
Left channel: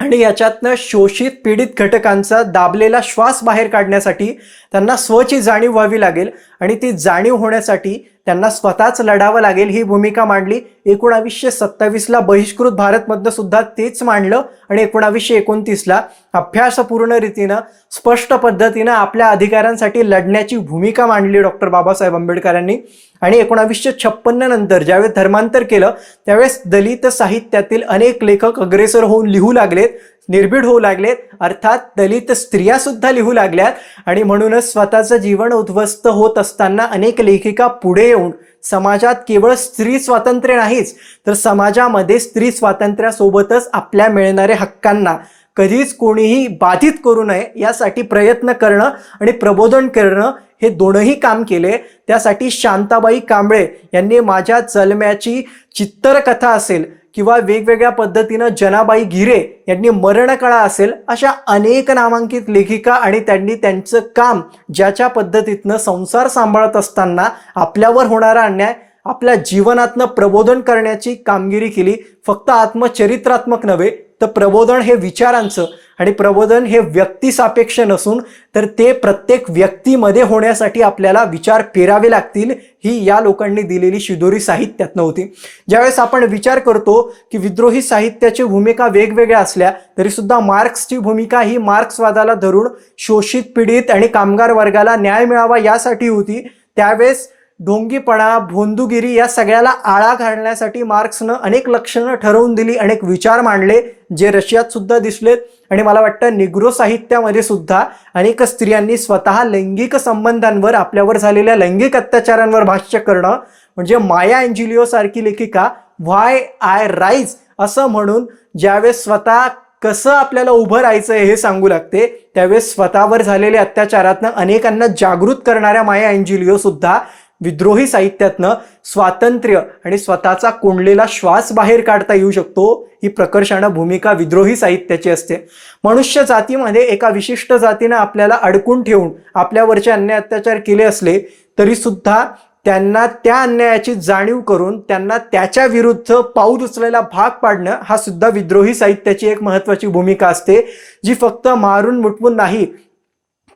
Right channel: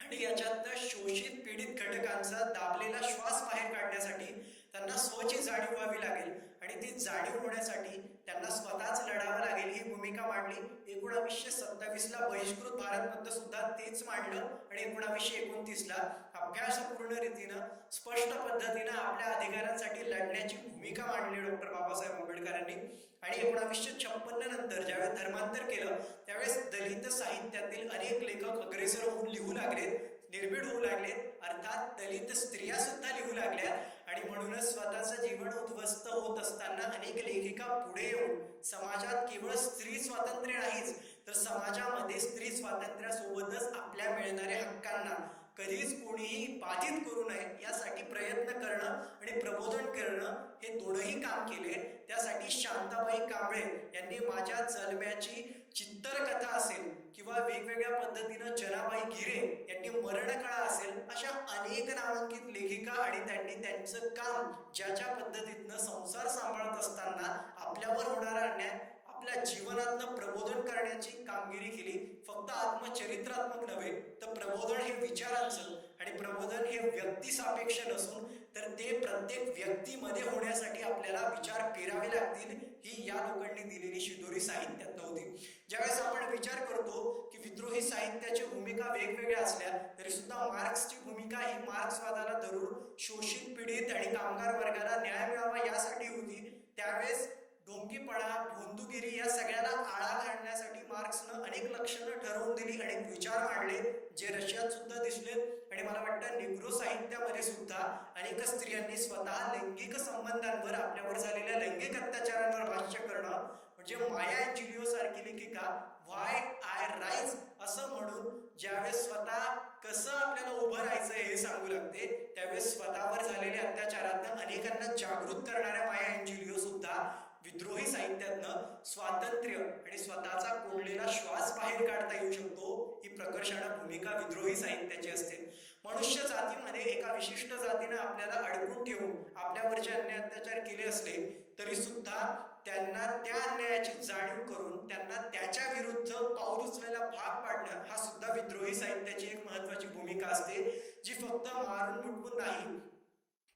आणि याच्यातनं शोषित पीडित घटकांचा दाबलेला श्वास बाहेर काढण्यासाठी त्यांना स्वची जाणीव व्हावी लागेल आणि ती जाणीव होण्यासाठी त्यांना स्वतःच लढावं लागेल ही भूमिका मांडली. 1927ला बहिष्कृत भारतमधनं सुद्धा तेच मांडलं आणि 1929ला अभ्यासपूर्ण रीतीनं स्पष्ट पद्धतीनं आपल्या अधिकारांसाठी लढण्याची भूमिका मांडली डॉक्टर बाबासाहेब आंबेडकरांनी. आणि 1956 नंतर ज्यावेळेस धर्मांतर केलं त्यावेळेस दलित साहित्यातील अनेक लेखक अग्रेसर होऊन लिहू लागलेत, निर्भीड होऊ लागलेत. अर्थात दलित स्त्रिया सुद्धा लिहू लागल्यात आणि म्हणूनच स्वतःचं जीवन उद्ध्वस्त होत असताना अनेक लेखिका पुढे येऊन समाजात केवळ स्त्री स्वातंत्र्य नाहीच तर समाजामध्ये स्त्री स्वातंत्र्यासोबतच आपल्या मिळणाऱ्या हक्कांना कधीच कोणीही बाधित करू नये यासाठी प्रयत्न करणं आणि प्रबोधन करणं हे दोनही काम केले. त्यासाठी शांताबाई कांबळे यांनी माझ्या जन्माची चित्तरकथा असेल किंवा वेगवेगळ्या पद्धतीनं जनाबाई गिरे यांनी मरणकळा असेल, अशा अनेक नामांकित लेखिका आणि त्यांनी त्यांचं काम ज्याच्या पद्धतीतनं संसार सांभाळत असताना आपल्यावर होणारा अन्याय आपल्या जीवनातनं प्रबोधन करण्याची कामगिरी केली. फक्त आत्मचरित्रात्मक नव्हे तर प्रबोधन हे विचारांचं आणि प्रबोधन हे व्यक्तिसापेक्ष नसून तर ते प्रत्येक व्यक्तीमध्ये होण्यासाठी आपल्याला विचार पेरावे लागतील, ही या लोकांनी दिलेली शिदोरी साहित्यात नव्हती. ज्यावेळेस आपण विचार करतो की विद्रोही साहित्याची भूमिका वेगवेगळ्या असल्या तरी सुद्धा मार्क्सची भूमिका ही मार्क्सवादाला धरून शोषित पीडित आणि कामगार वर्गाला न्याय मिळावा यासाठी होती. त्यावेळेस ढोंगीपणा, भोंदूगिरी या सगळ्याला आळा घालण्यासाठी मार्क्सनं अनेक लक्षणं ठरवून दिली, अनेक विचार मांडले जे रशियात सुद्धा दिसलेत. आणि मला वाटतं निग्रो साहित्यामध्ये सुद्धा अनेक स्त्रियांनी स्वतः लैंगिक संबंधांवर, आपल्यावर झालेल्या लैंगिक अत्याचारांवर भाष्य करणं, म्हणजे माया अँजेलिओ सारखी लेखिका व्हाय आय राईज असं म्हणून ज्यावेळेस स्वतः कसं आपल्याला उभं राहायचं हे सांगू लागते, त्यावेळेस स्वतःवर झालेल्या अत्याचारातनं अनेकांना जागृत करणाऱ्या माया अँजेलिओ सुद्धा विद्रोही साहित्यातनं स्वातंत्र्य आणि स्वतःचा कोंडलेला श्वास बाहेर काढता येऊ शकतो ही प्रकर्षानं भूमिका विद्रोही साहित्याची असते. मनुष्य जातीमध्ये एका विशिष्ट जातीनं आपल्याला अडकून ठेवून आपल्यावरचे अन्याय अत्याचार केले असले तरी सुद्धा त्यांना त्या अन्यायाची जाणीव करून त्यांना त्याच्या विरुद्ध पाऊल उचलायला भाग पाडणं हा सुद्धा विद्रोही साहित्याची एक महत्त्वाची भूमिका असते, जी फक्त मारून मुटवून नाही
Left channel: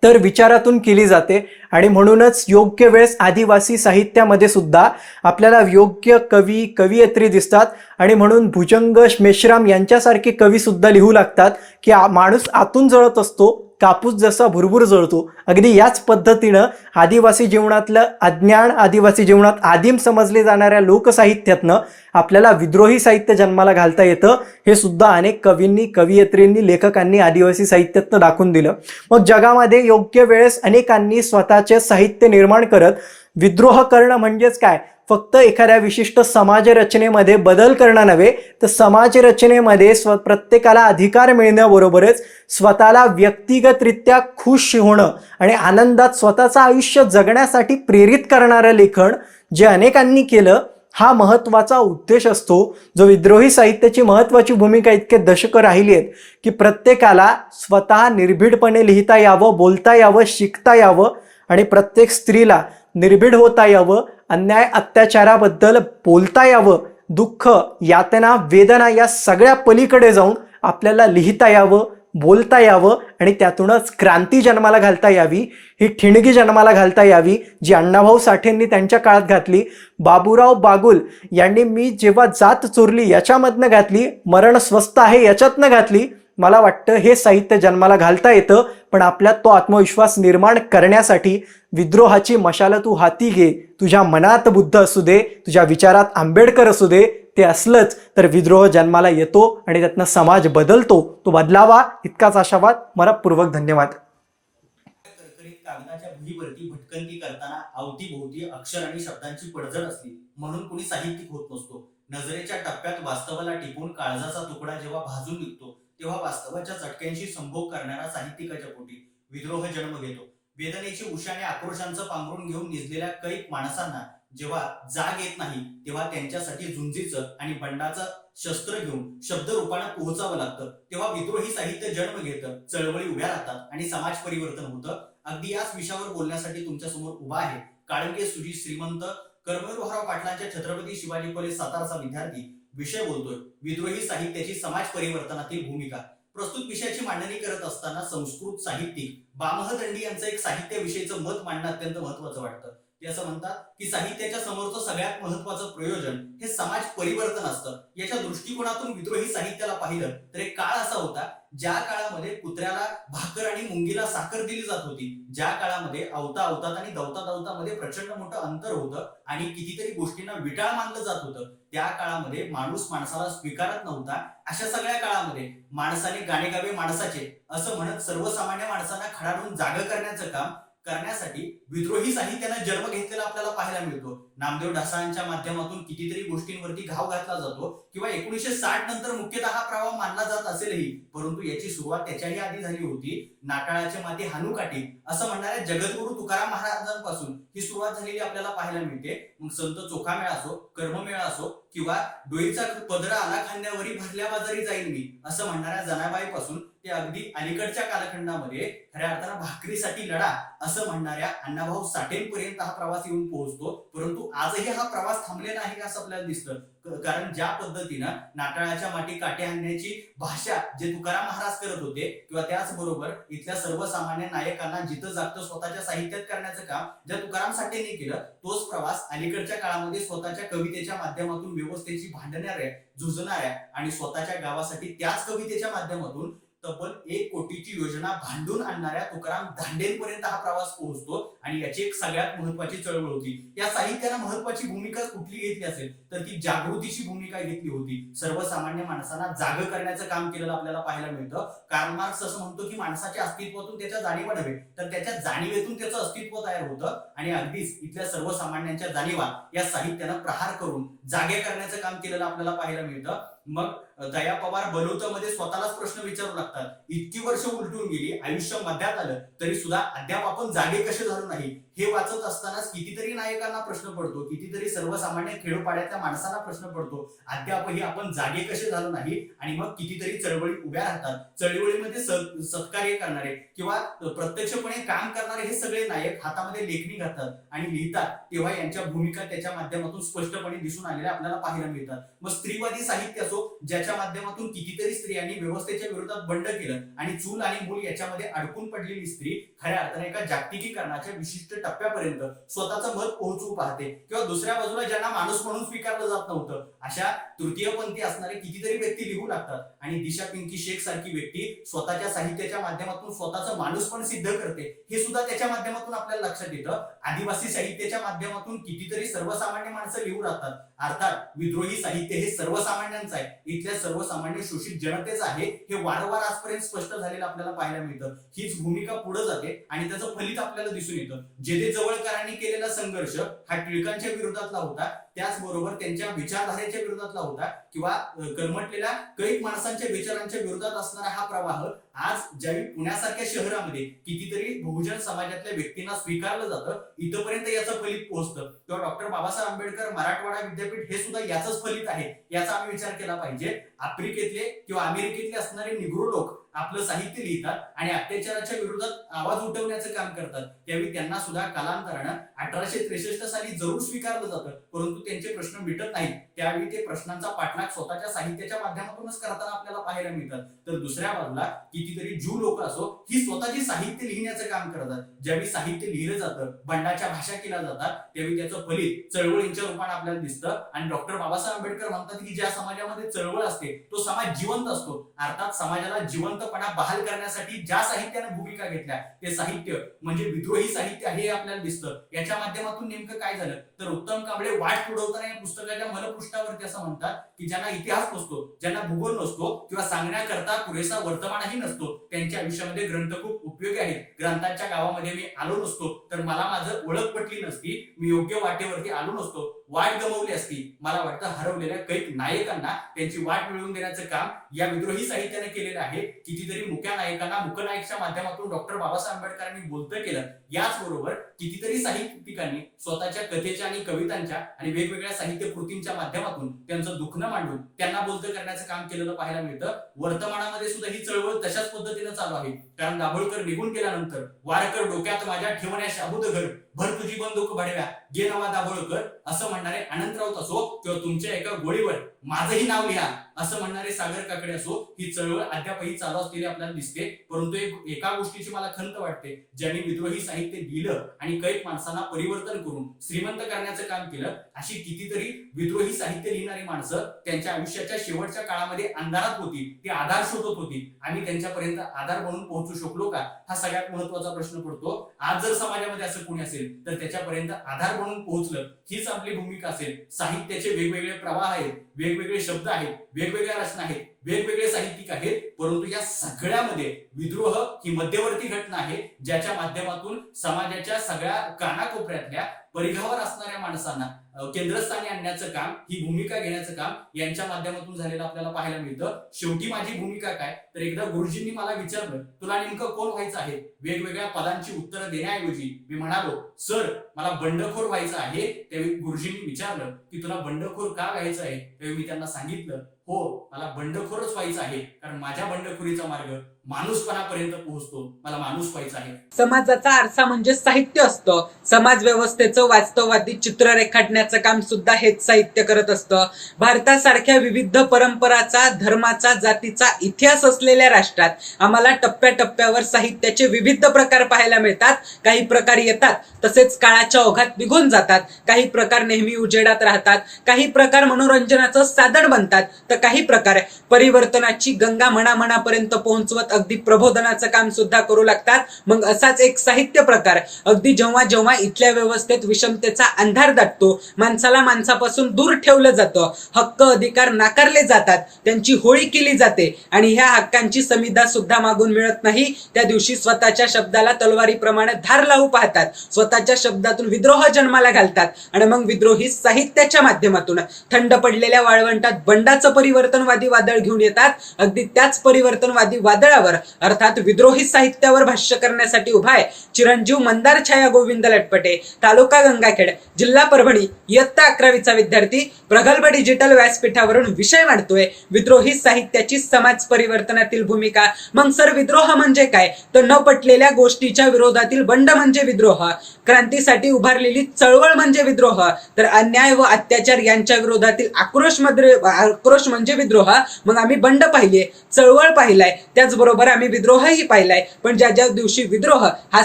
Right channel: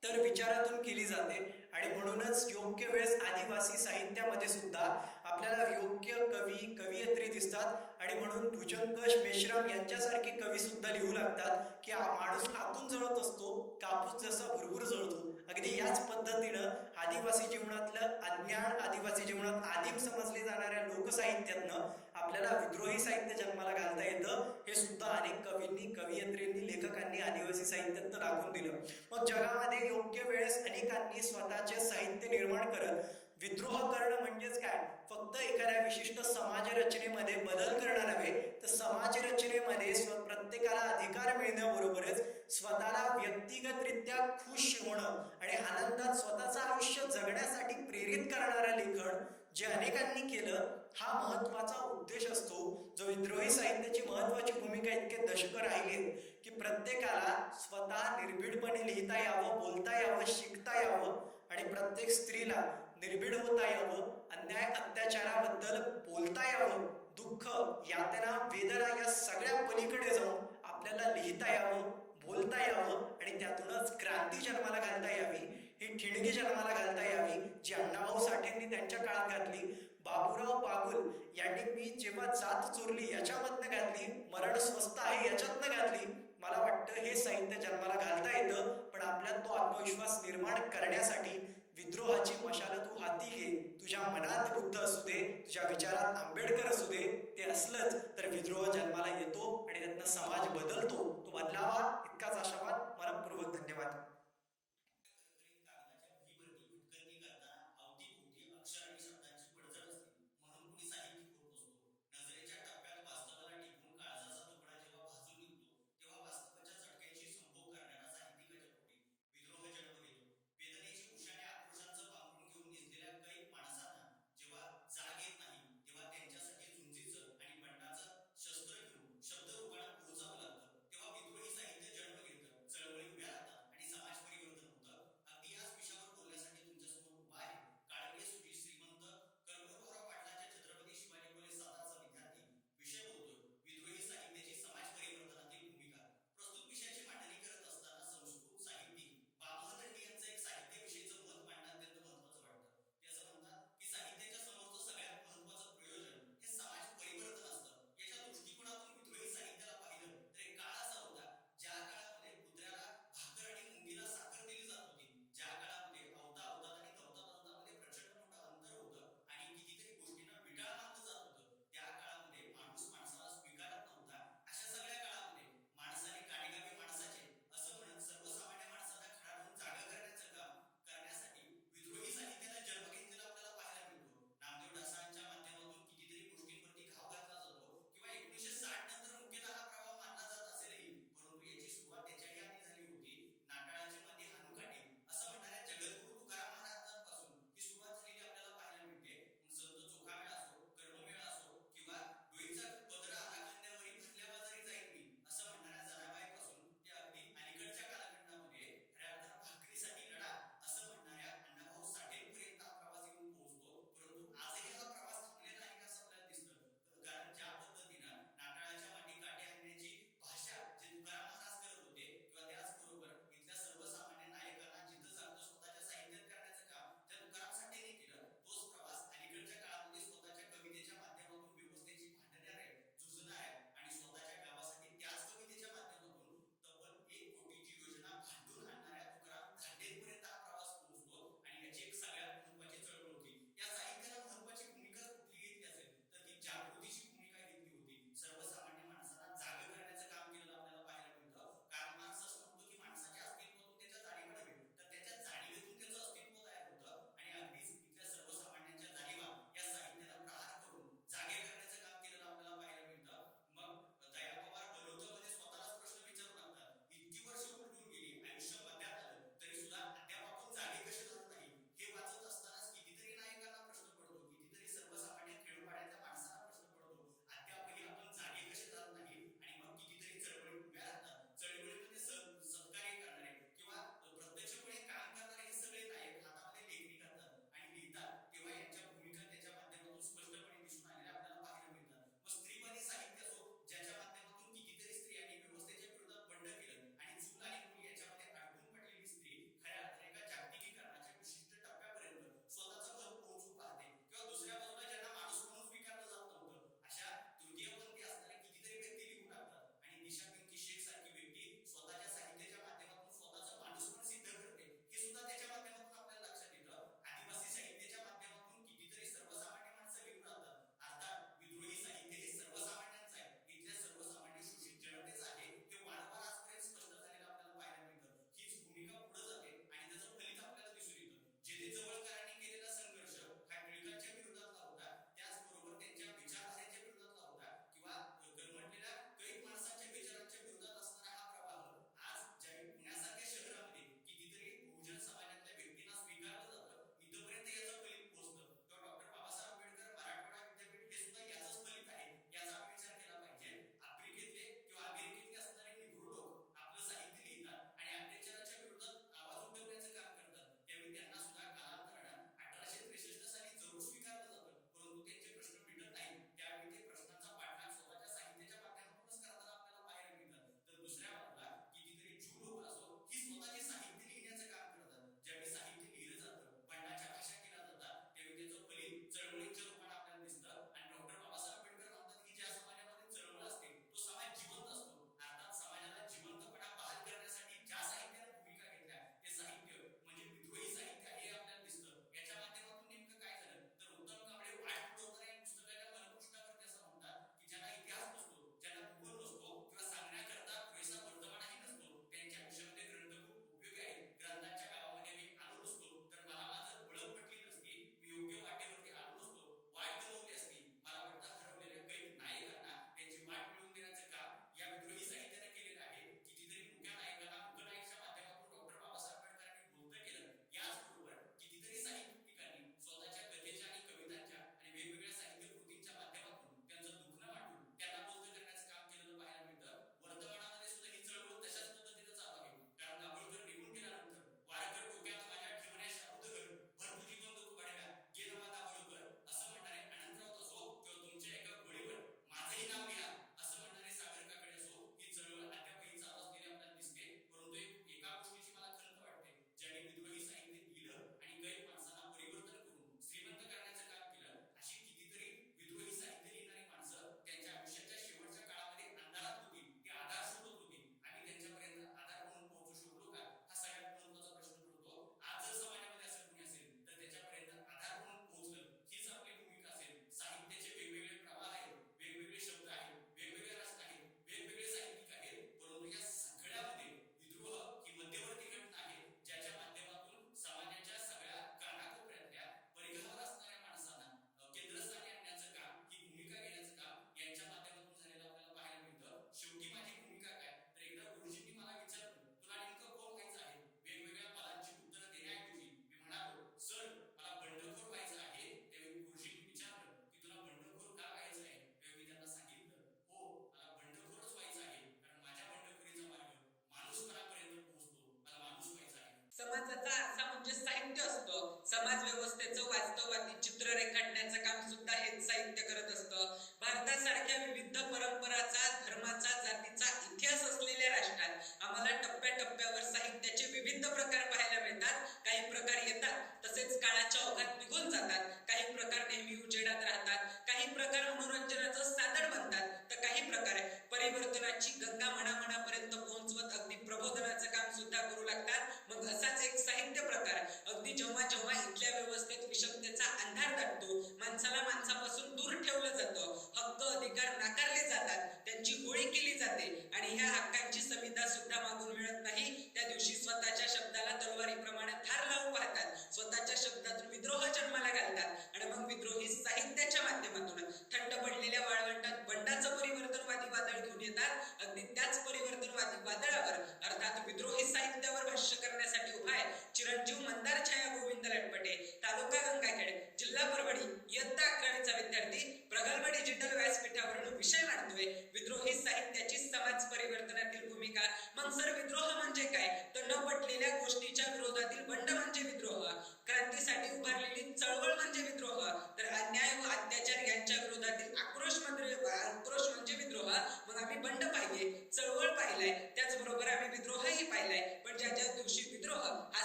तर विचारातून केली जाते. आणि म्हणूनच योग्य वेळेस आदिवासी साहित्यामध्ये सुद्धा आपल्याला योग्य कवी कवयित्री दिसतात. आणि म्हणून भुजंग मेश्राम यांच्यासारखे कवी सुद्धा लिहू लागतात की माणूस आतून जळत असतो, कापूस जसा भुरभुर जळतो. अगदी याच पद्धतीनं आदिवासी जीवनातलं अज्ञान, आदिवासी जीवनात आदिम समजले जाणाऱ्या लोकसाहित्यातनं आपल्याला विद्रोही साहित्य जन्माला घालता येतं. हे सुद्धा अनेक कवींनी, कवयित्रींनी, लेखकांनी आदिवासी साहित्यातनं दाखवून दिलं. मग जगामध्ये योग्य वेळेस अनेकांनी स्वतःचे साहित्य निर्माण करत विद्रोह करणं म्हणजेच काय, फक्त एखाद्या विशिष्ट समाजरचनेमध्ये बदल करणं नव्हे, तर समाजरचनेमध्ये प्रत्येकाला अधिकार मिळण्याबरोबरच स्वतःला व्यक्तिगतरित्या खुश होणं आणि आनंदात स्वतःचं आयुष्य जगण्यासाठी प्रेरित करणारं लेखन जे अनेकांनी केलं हा महत्त्वाचा उद्देश असतो, जो विद्रोही साहित्याची महत्त्वाची भूमिका इतके दशकं राहिली आहेत की प्रत्येकाला स्वतः निर्भीडपणे लिहिता यावं, बोलता यावं, शिकता यावं आणि प्रत्येक स्त्रीला निर्भीड होता यावं, अन्याय अत्याचाराबद्दल बोलता यावं, दुःख, यातना, वेदना या सगळ्या पलीकडे जाऊन आपल्याला लिहिता यावं, बोलता यावं आणि त्यातूनच क्रांती जन्माला घालता यावी, ही ठिणगी जन्माला घालता यावी जी अण्णाभाऊ साठेंनी त्यांच्या काळात घातली. बाबूराव बागुल यांनी मी जेव्हा जात चोरली याच्यामधनं घातली, मरण स्वस्त आहे याच्यातनं घातली. मला वाटतं हे साहित्य जन्माला घालता येतं, पण आपल्यात तो आत्मविश्वास निर्माण करण्यासाठी विद्रोहाची मशाल तू हाती घे. तुझ्या मनात बुद्ध असू दे, तुझ्या विचारात आंबेडकर असू दे, ते असलंच तर विद्रोह जन्माला येतो आणि त्यातनं समाज बदलतो. तो बदलावा इतकाच आशावाद. मनपूर्वक धन्यवाद. करकरीत कागदाच्या भुईवरती भटकंती करताना अवतीभोवती अक्षर आणि शब्दांची पडझड असली म्हणून कुणी साहित्यिक होत नसतो. नजरेच्या टप्प्यात वास्तवाला टिपून काळजाचा तुकडा जेव्हा भाजून निघतो तेव्हा वास्तवाच्या चटक्यांशी संभोग करणारा साहित्यिकाच्या पोटी विद्रोह जन्म घेतो. वेदनेची उशाने आक्रोशांचं पांघरून घेऊन निजलेल्या कैक माणसांना जेव्हा जाग येत नाही तेव्हा त्यांच्यासाठी झुंजीचं आणि बंडाचं शस्त्र घेऊन शब्द रूपानं पोहोचावं लागतं. तेव्हा विद्रोही साहित्य जन्म घेतं, चळवळी उभ्या राहतात आणि समाज परिवर्तन होतं. अगदी याच विषयावर बोलण्यासाठी तुमच्या समोर उभा आहे काळंगे सुजित श्रीमंत कर्मवीरभाऊराव पाटलांच्या छत्रपती शिवाजी कॉलेज साताराचा विद्यार्थी. विषय बोलतोय विद्रोही साहित्याची समाज परिवर्तनातील भूमिका. प्रस्तुत विषयाची मांडणी करत असताना संस्कृत साहित्यिक बामह दंडी यांचं एक साहित्याविषयीचं मत मांडणं अत्यंत महत्वाचं वाटतं. ते असं म्हणतात की साहित्याच्या समोरचं सगळ्यात महत्वाचं प्रयोजन हे समाज परिवर्तन असतं. याच्या दृष्टिकोनातून विद्रोही साहित्याला पाहिलं तर एक काळ असा होता ज्या काळामध्ये कुत्र्याला भाकर आणि मुंगीला साखर दिली जात होती, ज्या काळामध्ये अवता अवतात आणि दवता दवतामध्ये प्रचंड मोठं अंतर होतं आणि कितीतरी गोष्टींना विटाळ मानलं जात होतं, त्या काळामध्ये माणूस माणसाला स्वीकारत नव्हता. अशा सगळ्या काळामध्ये माणसाने गाणे गावे माणसाचे असं म्हणत सर्वसामान्य माणसांना खडाडून जागा करण्याचं काम करण्यासाठी विद्रोही साहित्यानं जन्म घेतलेला आपल्याला पाहायला मिळतो. नामदेव ढसाळांच्या माध्यमातून कितीतरी गोष्टींवरती घाव घातला जातो किंवा 1960 नंतर मुख्यतः हा प्रवाह मानला जात असेलही, परंतु याची सुरुवात त्याच्याही आधी झाली होती. नाटाळाचे माती हानुकाठी असं म्हणणाऱ्या जगद्गुरु तुकाराम महाराजांपासून ही सुरुवात झालेली आपल्याला पाहायला मिळते. मग संत चोखामेळा असो, कर्ममेळा असो किंवा डोईचा पदरा आला खांद्यावरी भरल्या बाजारी जाईल मी असं म्हणणाऱ्या जनाबाईपासून ते अगदी अलीकडच्या कालखंडामध्ये खऱ्या अर्थानं भाकरीसाठी लढा असं म्हणणाऱ्या अण्णाभाऊ साठेंपर्यंत हा प्रवास येऊन पोहोचतो. परंतु आजही हा प्रवास थांबलेला आहे असं आपल्याला दिसतं. कारण ज्या पद्धतीनं नाटाळाच्या माटी काटे आणण्याची भाषा जे तुकाराम महाराज करत होते किंवा त्याचबरोबर इथल्या सर्वसामान्य नायकांना जिथं जागतं स्वतःच्या साहित्यात करण्याचं काम ज्या तुकाराम साठेंनी केलं, तोच प्रवास अलीकडच्या काळामध्ये स्वतःच्या कवितेच्या माध्यमातून व्यवस्थेची भांडणाऱ्या, झुंजणाऱ्या आणि स्वतःच्या गावासाठी त्याच कवितेच्या माध्यमातून तब्बल 1 कोटीची योजना भांडून आणणाऱ्या तुकाराम धांडेंपर्यंत हा प्रवास पोहोचतो आणि याची एक सगळ्यात महत्वाची चळवळ होती. या साहित्यानं महत्वाची भूमिका कुठली घेतली असेल तर ती जागृतीची भूमिका घेतली होती. सर्वसामान्य माणसांना जाग करण्याचं काम केलेलं आपल्याला पाहायला मिळतं. कार्ल मार्क्स असं म्हणतो की माणसाच्या अस्तित्वातून त्याच्या जाणीवा नव्हे तर त्याच्या जाणीवेतून त्याचं अस्तित्व तयार होतं आणि अगदीच इथल्या सर्वसामान्यांच्या जाणीवा या साहित्यानं प्रहार करून जागे करण्याचं काम केलेलं आपल्याला पाहायला मिळतं. मग दया पवार बलुतमध्ये स्वतःलाच प्रश्न विचारू लागतात, इतकी वर्ष उलटून गेली, आयुष्य मध्यात आलं तरी सुद्धा अद्याप आपण जागे कसे झालो नाही. हे वाचत असतानाच कितीतरी नायकांना प्रश्न पडतो, कितीतरी सर्वसामान्य खेडोपाड्यातल्या माणसांना प्रश्न पडतो, अद्यापही आपण जागे कसे झालो नाही. आणि मग कितीतरी चळवळी उभ्या राहतात. चळवळीमध्ये सत्कार्य करणारे किंवा प्रत्यक्षपणे काम करणारे हे सगळे नायक हातामध्ये लेखणी घालतात आणि लिहितात, तेव्हा यांच्या भूमिका त्याच्या माध्यमातून स्पष्टपणे दिसून आलेल्या आपल्याला पाहायला मिळतात. मग स्त्रीवादी साहित्य असो, ज्याच्या माध्यमातून कितीतरी स्त्रियांनी व्यवस्थेच्या विरोधात बंड केलं आणि चूल आणि मूल याच्यामध्ये अडकून पडलेली स्त्री खऱ्या अर्थाने एका जागतिकीकरणाच्या विशिष्ट टप्प्यापर्यंत स्वतःचं मत पोहोचवू पाहते. किंवा दुसऱ्या बाजूला ज्यांना माणूस म्हणून स्वीकारलं जात नव्हतं अशा तृतीयपंथी असणारे कितीतरी व्यक्ती लिहू लागतात आणि दिशा पिंकी शेख सारखी व्यक्ती स्वतःच्या साहित्याच्या माध्यमातून स्वतःचं माणूस पण सिद्ध करते. हे सुद्धा त्याच्या माध्यमातून आपल्याला लक्षात येतं. आदिवासी साहित्याच्या माध्यमातून कितीतरी सर्वसामान्य माणसं लिहू लागतात. अर्थात विद्रोही साहित्य हे सर्वसामान्यांचं आहे, इथल्या सर्वसामान्य शोषित जनतेचं आहे. हे वारंवार आजपर्यंत स्पष्ट झालेलं आपल्याला पाहायला मिळतं. हीच भूमिका पुढे जाते आणि त्याचं फलित आपल्याला दिसून येतं. जेथे जवळकरांनी केलेला संघर्ष हा टिळकांच्या विरोधातला होता, त्याचबरोबर त्यांच्या विचारधारेच्या विरोधातला होता किंवा कर्मटलेल्या कैक माणसांच्या विचारांच्या विरोधात असणारा हा प्रवाह आज ज्यावेळी पुण्यासारख्या शहरामध्ये कितीतरी बहुजन समाजातल्या व्यक्तींना स्वीकारलं जातं, इथपर्यंत याचं फलित पोहोचतं. किंवा डॉक्टर बाबासाहेब आंबेडकर मराठवाडा विद्यापीठ हे सुद्धा याचंच फलित आहे, याचा आम्ही विचार केला पाहिजे. आफ्रिकेतले किंवा अमेरिकेतले असणारे निग्रो लोक आपलं साहित्य लिहितात आणि अत्याचाराच्या विरोधात आवाज उठवण्याचं काम करतात, त्यावेळी त्यांना सुद्धा कालांतरानं 1863 साली जरूर स्वीकारलं जातं, परंतु त्यांचे प्रश्न मिटत नाहीत. त्यावेळी ते प्रश्नांचा पाठलाग स्वतःच्या साहित्याच्या माध्यमातूनच करताना आपल्याला पाहायला मिळतात. तर दुसऱ्या बाजूला कितीतरी ज्यू लोक असो, ही स्वतःची साहित्य लिहिण्याचं काम करतात. ज्यावेळी साहित्य लिहिलं जातं, बंडाच्या भाषा केल्या जातात, त्यावेळी त्याचं फलित चळवळींच्या रूपाने आपल्याला दिसतं. आणि डॉक्टर बाबासाहेब आंबेडकर म्हणतात की ज्या समाजामध्ये चळवळ असते तो समाज जिवंत असतो. अर्थात समाजाला जिवंतपणा बहाल करण्यासाठी ज्या साहित्याने भूमिका घेतल्या ते साहित्य म्हणजे विद्रोही साहित्य हे आपल्याला दिसतं. याच्या माध्यमातून नेमकं काय झालं तर उत्तम कांबळे वाट पुढवताना या पुस्तकाच्या मलपृष्ठावरती असं म्हणतात की ज्यांना इतिहास नसतो, ज्यांना भूगोल नसतो किंवा सांगण्याकरता पुरेसा वर्तमानही नसतो, त्यांच्या आयुष्यामध्ये ग्रंथ खूप उपयोगी आहेत. ग्रंथांच्या गावामध्ये मी आलो नसतो तर मला माझं ओळख पटली नसती, मी योग्य वाटेवरती आलो नसतो, वाट गमावली असती. मला वाटतं हरवलेल्या कैक नायकांना त्यांची वाट मिळवून देण्याचं काम या विद्रोही साहित्याने केलेलं आहे. कितीतरी मुख्य नायकांना मुकनायकच्या माध्यमातून डॉक्टर बाबासाहेब आंबेडकरांनी बोलतं केलं. याचबरोबर कितीतरी साहित्यिकांनी स्वतःच्या कथेच्या आणि कवितांच्या आणि वेगवेगळ्या साहित्य कृतींच्या माध्यमातून त्यांचं दुखणं मांडून त्यांना बोलतं करण्याचं काम केलेलं पाहायला मिळतं. वर्तमानामध्ये सुद्धा ही चळवळ तशाच पद्धतीनं चालू आहे. कारण दाभोळकर निघून गेल्यानंतर वारकर डोक्यात माझ्या ठेवण्या शाबूत घर भर तुझी बंदूक भडव्या गे नवा दाभोळकर असं म्हणणारे अनंत राऊत असो किंवा तुमच्या एका गोळीवर माझंही नाव लिहा असं म्हणणारे सागर काकडे असो, ही चळवळ अद्यापही चालू असलेली आपल्याला दिसते. परंतु एका गोष्टीची मला खंत वाटते, ज्यांनी विद्रोही साहित्य लिहिलं आणि कैक माणसांना परिवर्तन करून श्रीमंत करण्याचं काम केलं, अशी कितीतरी विद्रोही साहित्य लिहिणारी माणसं त्यांच्या आयुष्याच्या शेवटच्या काळामध्ये अंधारात होती, ती आधार शोधत होती. आम्ही त्यांच्यापर्यंत आधार बनून पोहोचू शकलो का, हा सगळ्यात महत्वाचा प्रश्न पडतो. आज जर समाजामध्ये असं कोणी असेल तर त्याच्यापर्यंत आधार बनून पोहोचलं हीच आपली भूमिका असेल. साहित्याचे वेगवेगळे प्रवाह आहेत, वेगवेगळे शब्द आहेत, वेगवेगळ्या रचना आहेत, वेगवेगळे साहित्यिक आहेत, परंतु या सगळ्यामध्ये विद्रोह ही मध्यवर्ती घटना आहे, ज्याच्या माध्यमातून समाजाच्या सगळ्या कानाकोपऱ्यातल्या परिघावर असणाऱ्या माणसांना केंद्रस्थानी आणण्याचं काम, ही भूमिका घेण्याचं काम यांच्या माध्यमातून झालेलं आपल्याला पाहायला मिळतं. शेवटी माझी भूमिका काय तर एकदा गुरुजींनी मला विचारलं तुला नेमकं कोण व्हायचं आहे, वेगवेगळ्या पदांची उत्तरं देण्याऐवजी मी म्हणालो सर मला बंडखोर व्हायचं आहे. त्यावेळी गुरुजींनी विचारलं की तुला बंडखोर का व्हायचं आहे, त्यावेळी मी त्यांना सांगितलं हो मला बंडखोरच व्हायचं आहे, कारण माझ्या बंडखोरीचा मार्ग माणूसपणापर्यंत पोहोचतो, मला माणूस व्हायचा आहे. समाजाचा आरसा म्हणजे साहित्य असतं. समाज व्यवस्थेचं वास्तववादी चित्र रेखाटण्याचं करण्याचं काम सुद्धा हेच साहित्य करत असतं. भारतासारख्या विविध परंपराचा, धर्माचा, जातीचा इतिहास असलेल्या राष्ट्रात आम्हाला टप्प्याटप्प्यावर साहित्याचे विविध प्रकार पाहायला मिळतात. काही प्रकार येतात तसेच काळाच्या ओघात निघून जातात, काही प्रकार नेहमी उजेडात राहतात, काही प्रकार मनोरंजनाचं साधन बनतात, तर काही प्रकार परिवर्तनाची गंगा मनामनापर्यंत पोहोचवत अगदी प्रबोधनाचं काम सुद्धा करू लागतात. मग असाच एक साहित्य प्रकार अगदी जेव्हा जेव्हा इथल्या व्यवस्थेत विषमतेचा अंधार दाटतो, माणसाला माणसापासून दूर ठेवलं जातं, हक्क अधिकार नाकारले जातात, त्यांची होळी केली जाते आणि ह्या हक्कांची संविदा सुद्धा मागून मिळत नाही, त्या दिवशी स्वतःच्या शब्दाला तलवारीप्रमाणे धार लावू पाहतात, स्वतःच्या शब्दातून विद्रोह जन्माला घालतात आणि मग विद्रोही साहित्याच्या माध्यमातून थंड पडलेल्या वाळवंटात बंडाचं परिवर्तनवादी वादळ घेऊन येतात. अगदी त्याच परिवर्तनवादी वादळावर अर्थात विद्रोही साहित्यावर भाष्य करण्यासाठी उभा आहे चिरंजीव मंदार छाया गोविंद लटपटे, तालुका गंगाखेड, जिल्हा परभणी, इयत्ता 11वीचा विद्यार्थी, प्रगल्भ डिजिटल व्यासपीठावरून विषय मांडतोय विद्रोही साहित्याची समाज परिवर्तनातील भूमिका. मग सर, विद्रोह म्हणजे काय? तर न पटलेल्या गोष्टीच्या विरोधातील बंड म्हणजे विद्रोह, क्रांतीसाठी उभारलेली चळवळ म्हणजे विद्रोह, तर अन्याय व अत्याचार यांच्या विरोधातील आक्रोश म्हणजे विद्रोह. मग आम्ही बंड पाहिले, चळवळ पाहिलाय, त्याचबरोबर आम्ही विद्रोहही पाहिलाय. पण ज्या ज्या दिवशी विद्रोह हा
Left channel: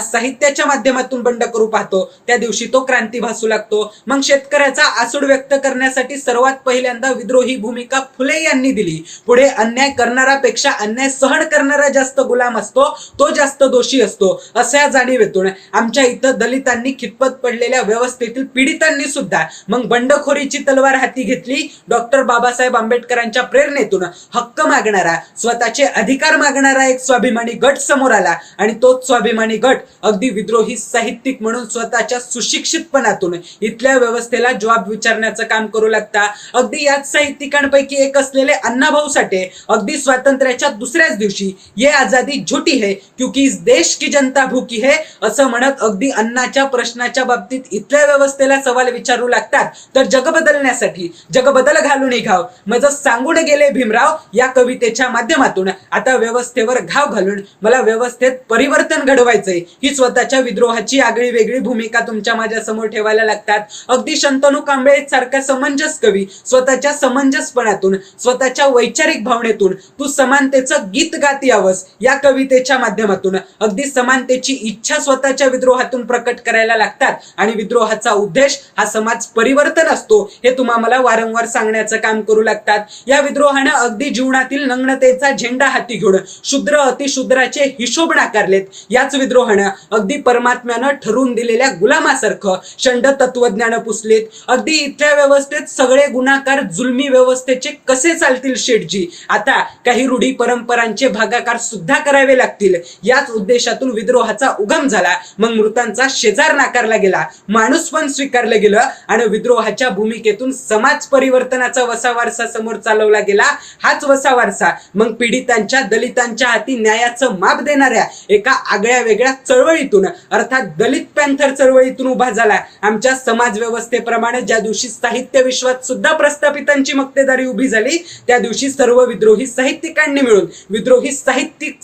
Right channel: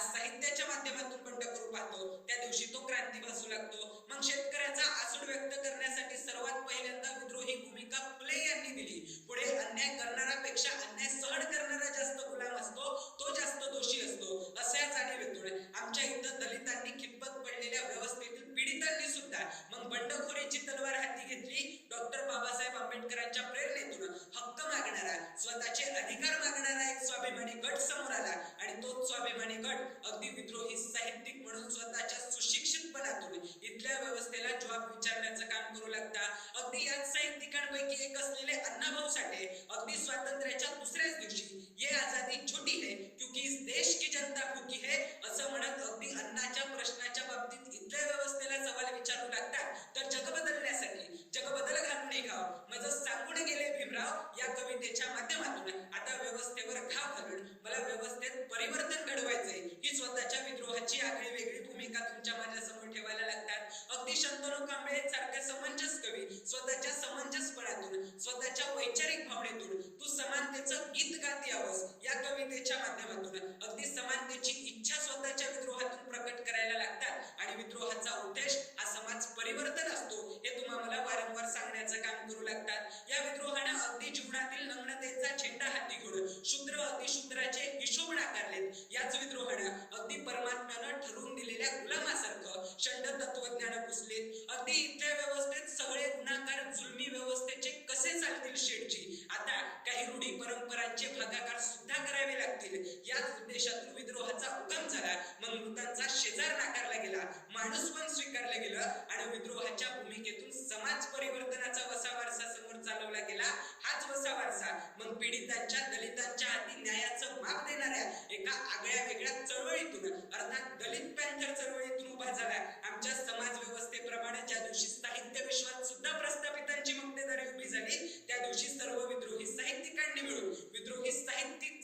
साहित्याच्या माध्यमातून बंड करू पाहतो, त्या दिवशी तो क्रांती भासू लागतो. मग शेतकऱ्याचा आसूड व्यक्त करण्यासाठी सर्वात पहिल्यांदा विद्रोही भूमिका फुले यांनी दिली. पुढे अन्याय करणारापेक्षा अन्याय सहन करणारा जास्त गुलाम असतो, तो जास्त दोषी असतो, अशा जाणीवेतून आमच्या इथं दलितांनी खितपत पडलेल्या व्यवस्थेतील पीडितांनी सुद्धा मग बंडखोरीची तलवार हाती घेतली. डॉक्टर बाबासाहेब आंबेडकरांच्या प्रेरणेतून हक्क मागणारा, स्वतःचे अधिकार मागणारा एक स्वाभिमानी गट समोर आला आणि तोच स्वाभिमानी गट अगदी विद्रोही साहित्यिक म्हणून स्वतःच्या सुशिक्षितपणातून इथल्या व्यवस्थेला जबाब विचारण्याचं काम करू लागता. अगदी याच साहित्यिकांपैकी एक असलेले अण्णाभाऊ साठे अगदी स्वातंत्र्याच्या दुसऱ्याच दिवशी ये आजादी झुटी है क्योंकि इस देश की जनता भूकी है असं म्हणत अगदी अन्नाच्या प्रश्नाच्या बाबतीत इथल्या व्यवस्थेला सवाल विचारू लागतात. तर जग बदलण्यासाठी जग बदल घालून घाव माझं सांगून गेले भीमराव या कवितेच्या माध्यमातून आता व्यवस्थेवर घाव घालून मला व्यवस्थेत परिवर्तन घडवायचंय ही स्वतःच्या विद्रोहाची आगळी वेगळी भूमिका तुमच्या माझ्या समोर ठेवायला लागतात. अगदी शंतनू कांबळे सारखा समंजस कवी स्वतःच्या समंजसपणातून, स्वतःच्या वैचारिक भावनेतून तू समानतेचं गीत गात यावंस या कवितेच्या माध्यमातून अगदी समानतेची इच्छा स्वतःच्या विद्रोहातून प्रकट करायला लागतात. आणि विद्रोहाचा उद्देश हा समाज परिवर्तन असतो हे तुम्हा मला वारंवार सांगण्याचं काम करू लागतात. या विद्रोहानं अगदी जीवनातील नग्नतेचा झेंडा हाती घेऊन शूद्र अतिशूद्राचे हिशोब नाकारलेत. याच विद्रोहानं अगदी परमात्म्यानं ठरवून दिलेल्या गुलामासारखं षंड तत्वज्ञान पुसलेत. अगदी इथल्या व्यवस्थेत सगळे गुन्हाकार जुलमी व्यवस्थेचे कसे चालतील शेठजी, आता काही रूढी परंपरांचे भागाकार सुद्धा करावे लागतील. याच उद्देशातून विद्रोहाचा उगम झाला. मग मृतांचा शेजार नाकारला गेला, माणूस पण स्वीकारलं गेलं आणि विद्रोहाच्या भूमिकेतून समाज परिवर्तनाचा वसा वारसा समोर चालवला गेला. हाच वसा वारसा मग पीडितांच्या, दलितांच्या हाती न्यायाचं माप देणाऱ्या एका आगळ्या वेगळ्या चळवळीतून अर्थात दलित पॅन्थर चळवळीतून उभा झाला. आमच्या समाज व्यवस्थेप्रमाणे ज्या दिवशी साहित्य विश्वात सुद्धा प्रस्थापितांची मक्तेदारी उभी झाली, त्या दिवशी सर्व विद्रोही साहित्यिकांनी मिळून विद्रोही साहित्यिक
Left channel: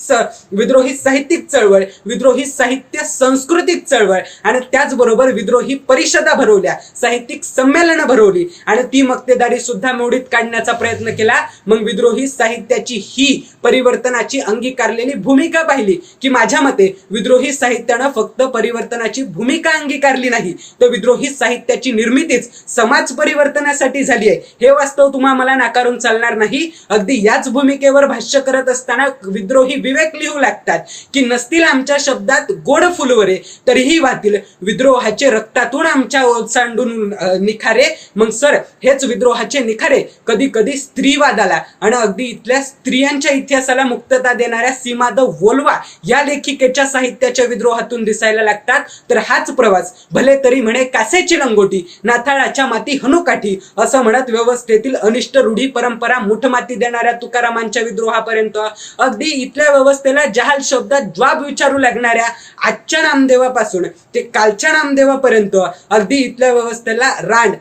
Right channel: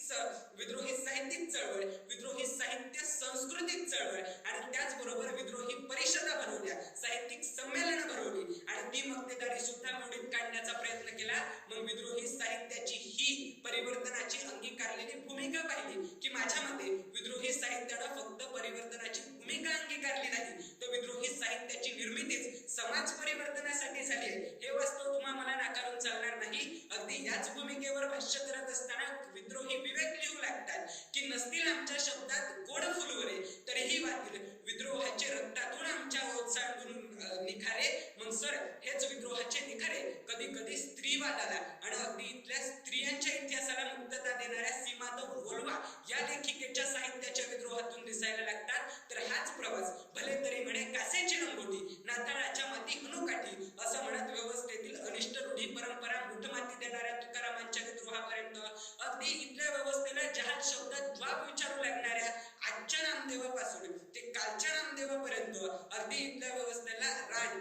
चळवळ, विद्रोही साहित्य सांस्कृतिक चळवळ आणि त्याचबरोबर विद्रोही परिषदा भरवल्या, साहित्यिक संमेलनं भरवली आणि ती मक्तेदारी सुद्धा मोडीत काढण्याचा प्रयत्न केला. मग विद्रोही साहित्याची ही परिवर्तनाची अंगीकारलेली भूमिका पाहिली की माझ्या मते विद्रोही साहित्यानं फक्त परिवर्तनाची भूमिका अंगीकारली नाही, तर विद्रोही साहित्याची निर्मितीच समाज परिवर्तनासाठी झाली आहे हे वास्तव तुम्हा मला नाकारून चालणार नाही. अगदी याच भूमिकेवर भाष्य करत असताना विद्रोही विवेक लिहू लागतात की नसतील आमच्या शब्दात गोड फुलवरे तरीही वाहतील विद्रोहाचे रक्तातून आमच्या ओसांडून निखारे. मग सर, हेच विद्रोहाचे निखारे कधी कधी स्त्रीवादाला आणि अगदी इथल्या स्त्रियांच्या इतिहासाला मुक्तता देणाऱ्या सीमा द वोल्वा या लेखिकेच्या साहित्याच्या विद्रोहातून दिसायला लागतात. तर हाच प्रवास भले तरी म्हणे कासेची लंगोटी, नाथाळाच्या माती हनुकाठी असं म्हणत व्यवस्थेतील अनिष्ट रूढी परंपरा मुठमाती देणाऱ्या तुकारामांच्या विद्रोहापर्यंत अगदी इथल्या व्यवस्थेला जहाल शब्दात जबाब विचारू लागणाऱ्या आजच्या नामदेवापासून ते कालच्या नामदेवापर्यंत अगदी इथल्या व्यवस्थेला रांड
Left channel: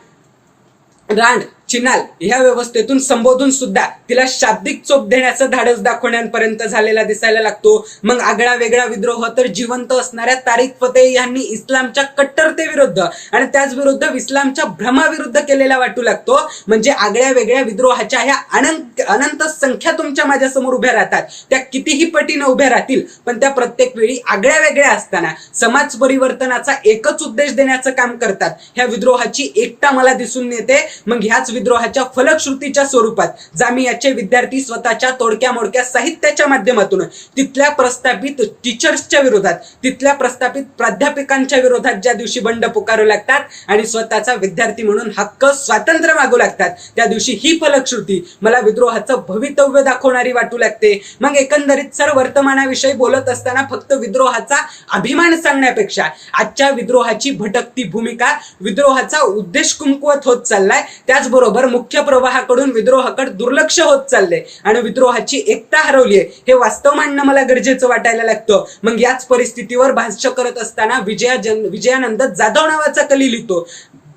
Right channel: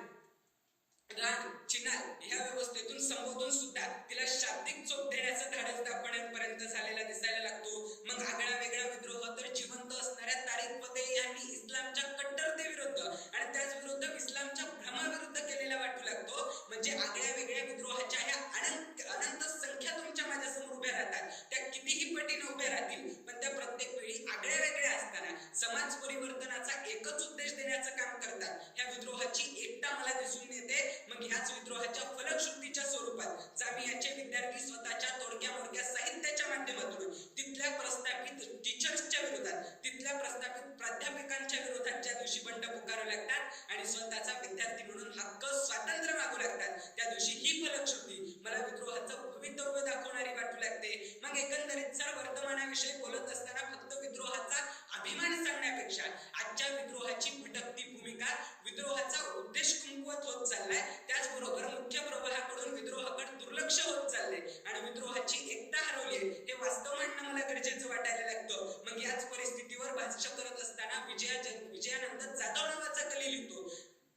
चिनाल ह्या व्यवस्थेतून संबोधून सुद्धा तिला शाब्दिक चोप देण्याचं धाडस दाखवण्यापर्यंत झालेला दिसायला लागतो. मग आगळा वेगळा विद्रोह तर जिवंत असणाऱ्या तारिक फतेह यांनी इस्लामच्या कट्टरतेविरुद्ध आणि त्याच विरुद्ध इस्लामच्या भ्रमाविरुद्ध केलेला वाटू लागतो. म्हणजे आगळ्या वेगळ्या विद्रोहाच्या ह्या अनंत संख्या तुमच्या माझ्या समोर उभ्या राहतात, त्या कितीही पटीनं उभ्या राहतील, पण त्या प्रत्येक वेळी आगळ्या वेगळ्या असताना समाज परिवर्तनाचा एकच उद्देश देण्याचं काम करतात. ह्या विद्रोहाची एकता मला दिसून येते. मग ह्याच विद्रोहाच्या फलश्रुतीच्या स्वरूपात जामियाचे विद्यार्थी स्वतःच्या तोडक्या मोडक्या साहित्याच्या माध्यमातून तिथल्या प्रस्थापित टीचर्सच्या विरोधात, तिथल्या प्रस्थापित प्राध्यापकांच्या विरोधात ज्या दिवशी बंड पुकारू लागतात आणि स्वतःचा विद्यार्थी म्हणून हक्क स्वातंत्र्य मागू लागतात, त्या दिवशी ही फलश्रुती मला विद्रोहाचं भवितव्य दाखवणारी वाटू लागते. मग एकंदरीत सर वर्तमानाविषयी बोलत असताना फक्त विद्रोहाचा अभिमान सांगण्यापेक्षा आजच्या विद्रोहाची भटकती भूमिका, विद्रोहाचा उद्देश कमकुवत होत चाललाय, त्याचबरोबर मुख्य प्रवाहाकडून विद्रोहाकडे दुर्लक्ष होत चाललंय आणि विद्रोहाची एकता हरवलीये हे वास्तव मांडणं मला गरजेचं वाटायला लागतं. मग याच परिस्थितीवर भाष्य करत असताना विजयानंद जाधव नावाचा कली लिहितो,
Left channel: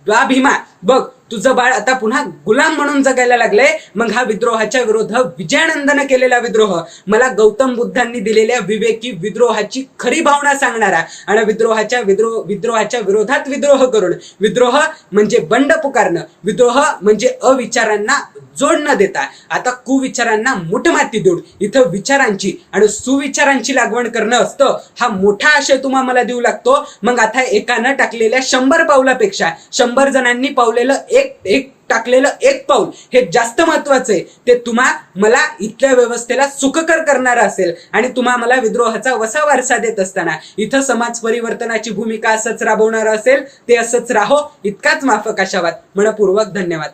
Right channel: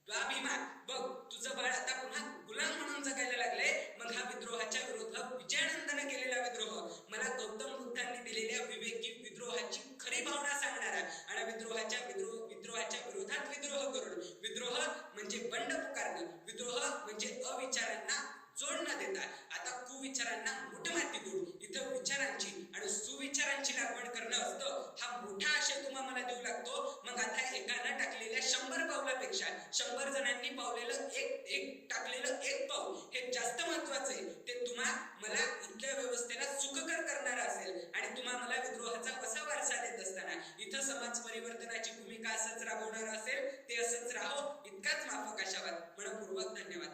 वा भीमा बघ तुझं बाळ आता पुन्हा गुलाम म्हणून जगायला लागलंय. मग हा विद्रोहाच्या विरोध विजयानंदनं केलेला विद्रोह मला गौतम बुद्धांनी दिलेल्या विवेकी विद्रोहाची खरी भावना सांगणारा आणि विद्रोहाच्या विरोधात विद्रोह करून, विद्रोह म्हणजे बंड पुकारणं, विद्रोह म्हणजे अविचारांना जोड न देता आता कुविचारांना मुठमाती देऊन इथं विचारांची आणि सुविचारांची लागवड करणं असतं, हा मोठा आशय तुम्हा मला देऊ लागतो. मग आता एकानं टाकलेल्या 100 पावलापेक्षा 100 जणांनी पावलेलं एक टाकलेलं एक पाऊल हे जास्त महत्वाचं आहे. ते तुम्हा मला इथल्या व्यवस्थेला सुखकर करणारं असेल आणि तुम्हा मला विद्रोहाचा वसा वारसा देत असताना इथं समाज परिवर्तनाची भूमिका असंच राबवणार असेल, ते असंच राहो. इतकाच माफक आशावाद. मनपूर्वक धन्यवाद.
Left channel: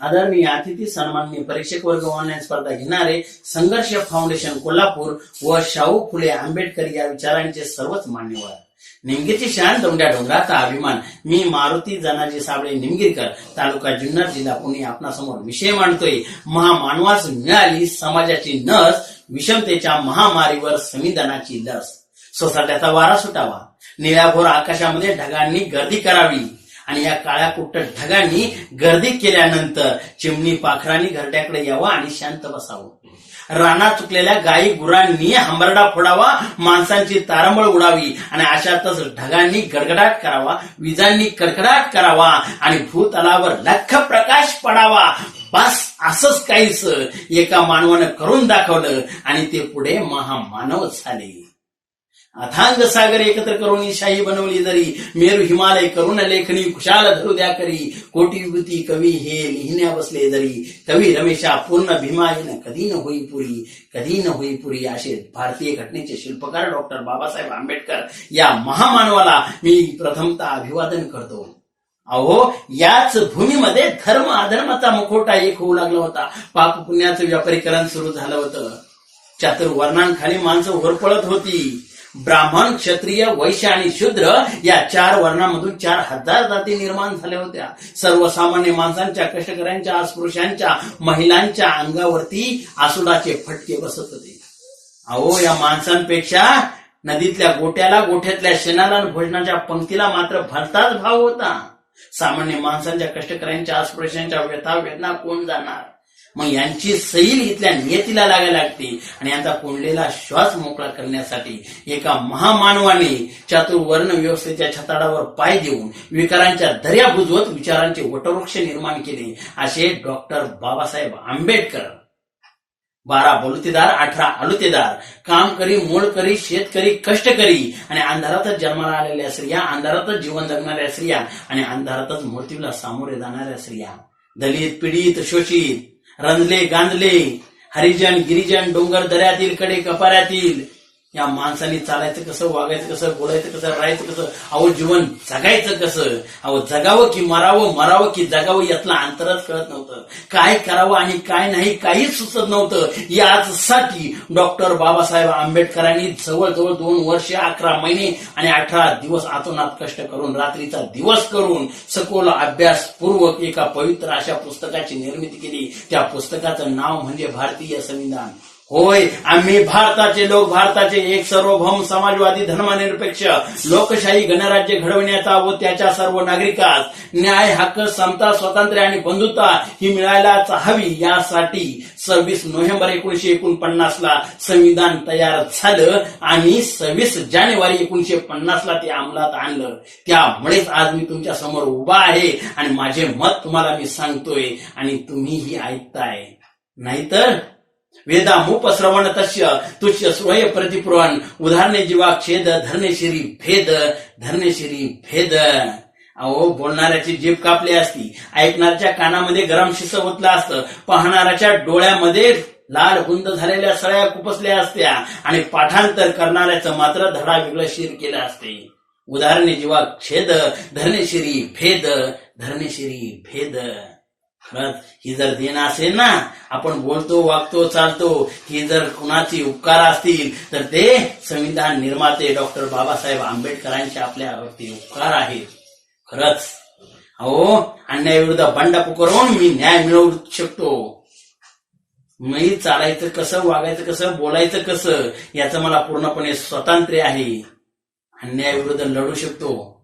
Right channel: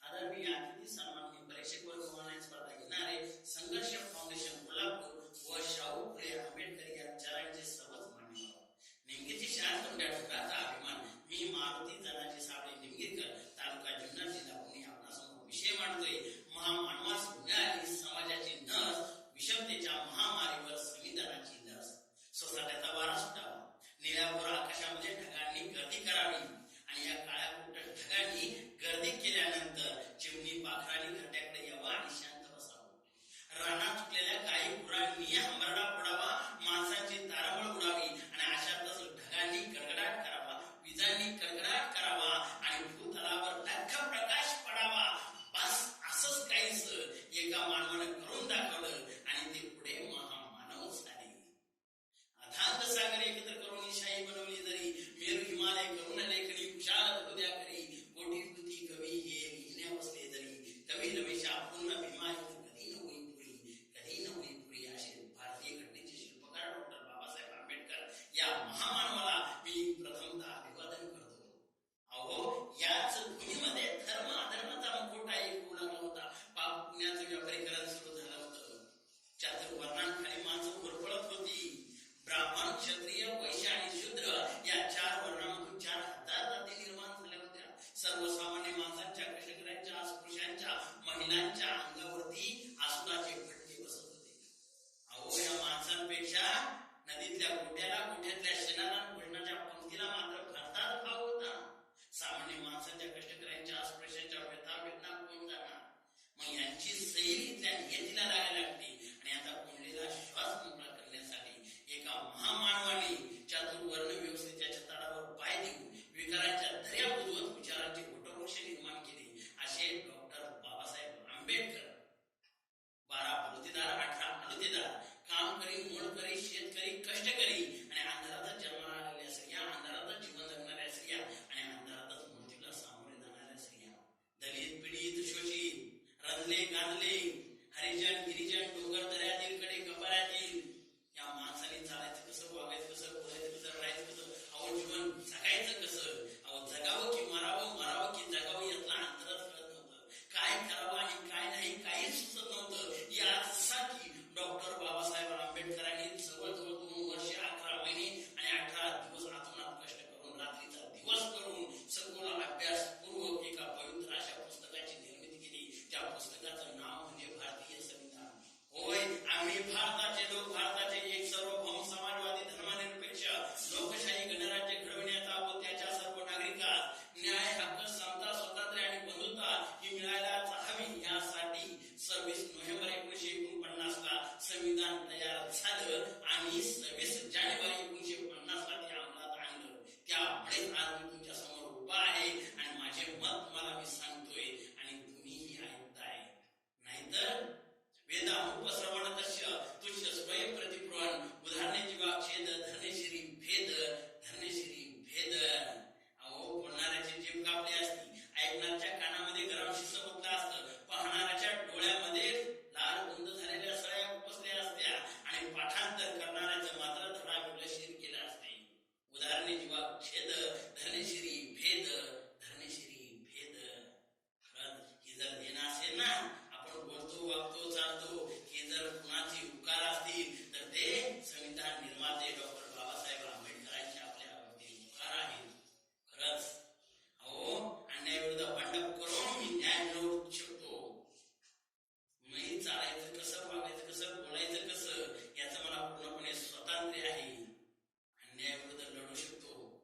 आदरणीय अतिथी सन्माननीय परीक्षक वर्ग ऑनलाईन स्पर्धा घेणारे संघर्ष फाउंडेशन कोल्हापूर व शाहू फुले आंबेडकर या विचारांचे सर्वच मान्यवर, निमगीरची शान दोंड्या डोंगराचा अभिमान, मी मारुती जनाजी साबळे निमगीरकर, तालुका जुन्नर, जिल्हा पुणे, आपणासमोर विषय मांडतोय. महामानवास मिळाली समाजाची नस, विषमतेच्या महामारीवर संविधानाची लस. सोसाट्याचा वारा सुटावा, निळ्याभोर आकाशामध्ये ढगांनी गर्दी करावी आणि या काळ्या कुट्ट ढगांनी गर्दी केल्यानंतर चिमणी पाखरांनी घरट्याकडे यावं आणि शांत बसावं. रानात चुकलेल्या गायी गुरांनी हंबरडा फोडावा, माणसांची तारंबळ उडावी आणि अशातच ढगांनी गडगडाट करावा, विजांनी कडकडाट करावा आणि भूतलावर लख प्रकाश पडावा. बस असंच काहीच एका मानवानं करून दाखवलं आणि ते पुढे महामानव झाले. अथांग सागर एकत्र करून शाही बनवली जरी, मेरू हिमालय करून लेखणी खुशाल धरू द्या करी. कोटी विभूती कवी हे लिहिण्या बसले जरी, कवी रमेशा पूर्ण भीमायन कधी न होई पुरी, कधी न होई पुरी. असे भारतीय घटनेचे शिल्पकार डॉक्टर बाबासाहेब आंबेडकर या महामानवाला मी प्रथमतः अभिवादन करतो. अहो याच भूमीमध्ये धर्म अधर्माचा मुखवटा एक होऊ लागला होता. पाप पुण्याचं व्यापारीकरण सुरू झालं होतं. चातुर्वर्णांखाली माणसं होरपळत होती. ब्राह्मण, क्षत्रिय, वैश्य आणि शूद्र या 4 वर्णामधून 4000 जाती निर्माण झाल्या होत्या. सर्वसामान्य माणसांच्या, कष्टकऱ्यांच्या, अस्पृश्यांच्या, महिलांच्या अंगावरती आसुडाचे फटके बसत होते. अहो या माणसांपेक्षा नदीतल्या गोट्याला, गोठ्यातल्या शेणाला आणि भोजनाच्या पंक्तीला मात्र भलताच भाव होता. सामान्य माणसांच्या, कष्टकऱ्यांच्या, अस्पृश्यांच्या व्यथा वेदना कोण जाणार. मग यांची सैल इथल्या नियतीला लागायला लागते आणि यांचा कोंडलेला श्वास मोकळा करण्यासाठी एका महामानवाने चातुर्वर्ण व्यवस्थेच्या छताडावर पाय देऊन विकारांच्या दर्या बुजवत विचारांचे वटवृक्ष निर्माण केले. असे डॉक्टर बाबासाहेब आंबेडकर. 12 बलुतेदार, 18 आलुतेदार, काम करी, मोळ करी, शेतकरी, कष्टकरी आणि अंधारातच जन्माला आलेल्या स्त्रिया, अंधारातच जीवन जगणाऱ्या स्त्रिया आणि अंधारातच मृत्यूला सामोरे जाणाऱ्या स्त्रिया, दलित, पीडित, शोषित, रंजले, गांधले, हरिजन, गिरिजन, डोंगर दऱ्यातील, कडे कपाऱ्यातील या माणसांनी चालायचं कसं, वागायचं कसं, बोलायचं कसं, राहायचं कसं, अहो जीवन जगायचं कसं, अहो जगावं की मरावं, मरावं की जगावं यातलं अंतरच कळत नव्हतं. काय करावं आणि काय नाही काहीच सुचत नव्हतं. यासाठी डॉक्टर बाबासाहेब आंबेडकरांनी जवळजवळ 2 वर्ष 11 महिने आणि 18 दिवस आतोनात कष्ट करून, रात्रीचा दिवस करून सखोल अभ्यासपूर्वक एका पवित्र अशा पुस्तकाची निर्मिती केली. त्या पुस्तकाचं नाव म्हणजे भारतीय संविधान. होय, आम्ही भारताचे लोक, भारताचे एक सार्वभौम समाजवादी धर्मनिरपेक्ष लोकशाही गणराज्य घडविण्याचा व त्याच्या सर्व नागरिकास न्याय, हक्क, समता, स्वातंत्र्य आणि बंधुता ही मिळायलाच हवी यासाठी 26 नोव्हेंबर 1949 ला संविधान तयार झालं आणि 26 जानेवारी 1950 ला ते अंमलात आणलं. त्यामुळेच आज मी तुमच्या समोर उभा आहे आणि माझे मत तुम्हाला मी सांगतोय आणि तुम्हीही ऐकताय. नाहीतर वेदामुपश्रवण तस्य तुष्य श्रोय प्रतिपुरवण उदाहरणे जीवाक्षेद धरणेशिरी भेद धरणेशिरी भेद. अहो, बोलणाऱ्याची जीभ कापली असती, ऐकणाऱ्याच्या कानामध्ये गरम शिस ओतलं असतं, पाहणाऱ्याच्या डोळ्यामध्ये लाल गुंद झालेल्या सळ्या कुपसल्या असत्या आणि पाठांतर करणाऱ्याचं मात्र धडा वेगळं शिर केलं असते. उदाहरणे जीवाक्षेद धरणेशिरी भेद धरणेशिरी भेद. खरंच ही जर देण असेल ना, आपण बोलतो, वागतो, चालतो, ही जर कुणाची उपकार असतील तर ते संविधान निर्माते डॉक्टर बाबासाहेब आंबेडकरांचे आपल्यावरती उपकार आहेत. खरंच अहो, अन्यायाविरुद्ध बंड पुकारून मी न्याय मिळवू शकतो. मी चालायचं कसं, वागायचं कसं, बोलायचं कसं याचं मला पूर्णपणे स्वातंत्र्य आहे. अन्यायाविरुद्ध लढू शकतो.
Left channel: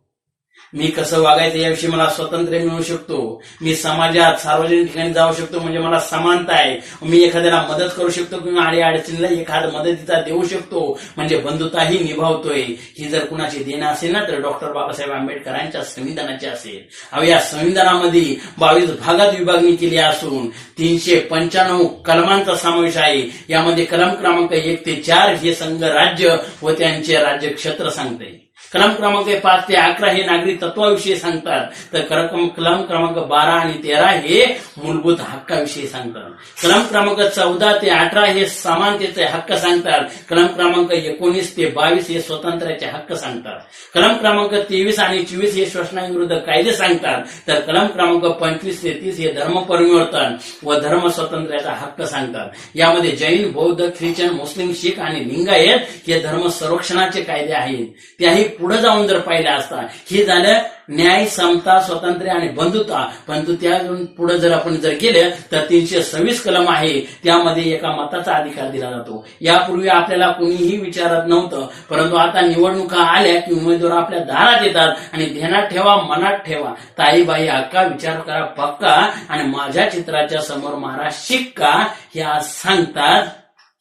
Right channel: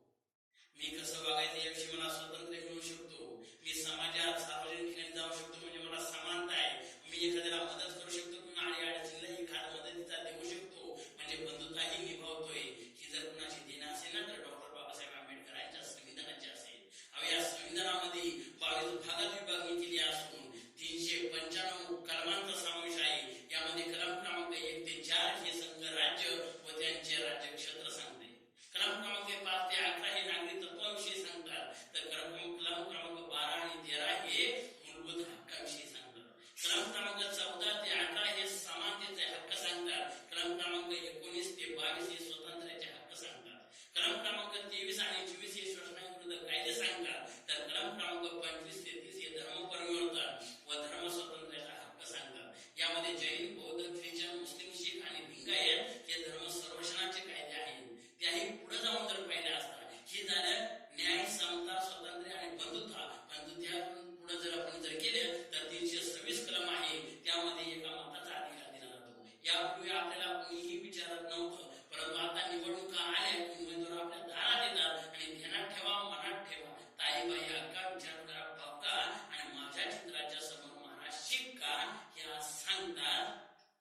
मी कसं वागायचं याविषयी मला स्वातंत्र्य मिळू शकतो. मी समाजात सार्वजनिक ठिकाणी जाऊ शकतो, म्हणजे मला समानता आहे. मी एखाद्याला मदत करू शकतो किंवा अडचणीला एखाद मदतीचा देऊ शकतो, म्हणजे बंधुताही निभावतोय. ही जर कुणाची देणं असेल ना तर डॉक्टर बाबासाहेब आंबेडकरांच्या संविधानाची असेल. अहो, या संविधानामध्ये 22 भागात विभागणी केली असून 395 कलमांचा समावेश आहे. यामध्ये कलम क्रमांक 1 ते 4 हे संघ राज्य व त्यांचे राज्य क्षेत्र सांगते. कलम क्रमांक 5 ते 11 हे नागरी तत्वाविषयी सांगतात, तर कलम क्रमांक 12 आणि 13 हे मूलभूत हक्काविषयी सांगतात. कलम क्रमांक 14 ते 18 हे समानतेचे हक्क सांगतात. कलम क्रमांक 19 ते 22 हे स्वातंत्र्याचे हक्क सांगतात. कलम क्रमांक 23 आणि 24 हे शोषणाविरुद्ध कायदे सांगतात. तर कलम क्रमांक 25 ते 30 हे धर्म परिवर्तन व धर्म स्वातंत्र्याचा हक्क सांगतात. यामध्ये जैन, बौद्ध, ख्रिश्चन, मुस्लिम, शीख आणि लिंगायत हे धर्म संरक्षणाचे कायदे आहेत. त्याही पुढे जाऊन जर पाहिलं असता, हे झालं न्याय, समता, स्वातंत्र्य आणि बंधुता. परंतु त्या पुढे जर आपण जर गेलं तर 326 कलम आहे. त्यामध्ये एका मताचा अधिकार दिला जातो. यापूर्वी आपल्याला कुणीही विचारत नव्हतं, परंतु आता निवडणुका आल्या की उमेदवार आपल्या दारात येतात आणि ध्यानात ठेवा, मनात ठेवा, ताईबाई हक्का, विचार करा पक्का आणि माझ्या चित्राच्या समोर मारा शिक्का हे आज सांगतात.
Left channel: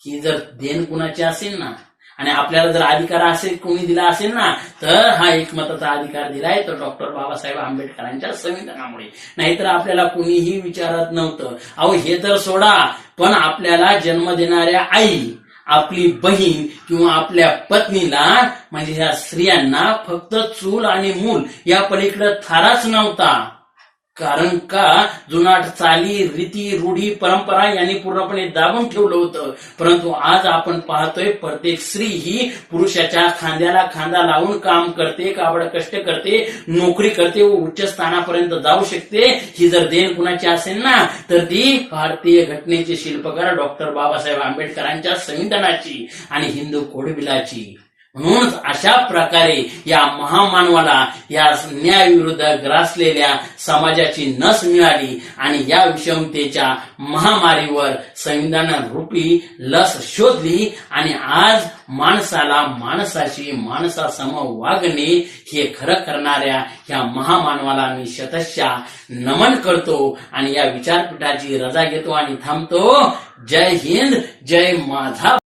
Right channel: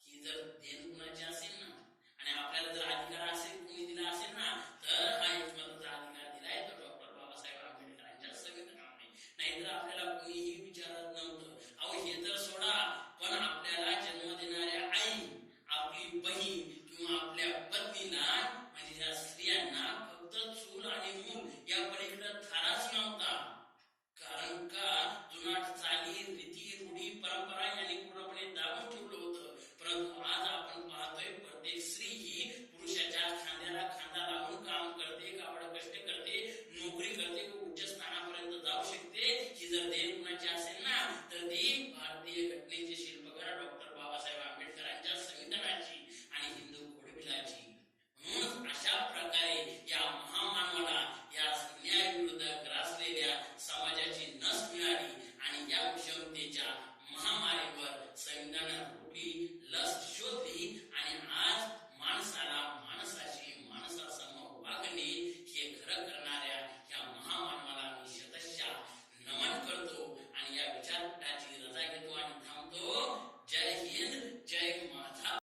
ही जर देण कुणाची असेल ना आणि आपल्याला जर अधिकार असेल कोणी दिला असेल ना तर हा एकमताचा अधिकार दिलाय तर डॉक्टर बाबासाहेब आंबेडकरांच्या संविधानामुळे. नाहीतर आपल्याला कुणीही विचारत नव्हतं. अहो, हे तर सोडा, पण आपल्याला जन्म देणाऱ्या आई, आपली बहीण किंवा आपल्या पत्नीला म्हणजे ह्या स्त्रियांना फक्त चूल आणि मूल या पलीकडे थाराच नव्हता. कारण का जुनाट चाली, रीती, रूढी, परंपरा यांनी पूर्णपणे दाबून ठेवलं होतं. परंतु आज आपण पाहतोय प्रत्येक स्त्री ही पुरुषाच्या खांद्याला खांदा लावून काम करते, काबड कष्ट करते, नोकरी करते व उच्च स्थानापर्यंत जाऊ शकते. ही जर देण कुणाची असेल ना तर ती भारतीय घटनेचे शिल्पकार डॉक्टर बाबासाहेब आंबेडकरांच्या संविधानाची आणि हिंदू कोडबिलाची. म्हणून अशा प्रकारे या महामानवाला या न्यायाविरुद्ध ग्रासलेल्या समाजाची नस मिळाली आणि या विषमतेच्या महामारीवर संविधान रूपी लस शोधली आणि आज माणसाला माणसाशी माणसासम वागणे हे खरं करणाऱ्या या महामानवाला मी शतशः नमन करतो आणि या विचारपीठाची रजा घेतो आणि थांबतो. जय हिंद, जय माझा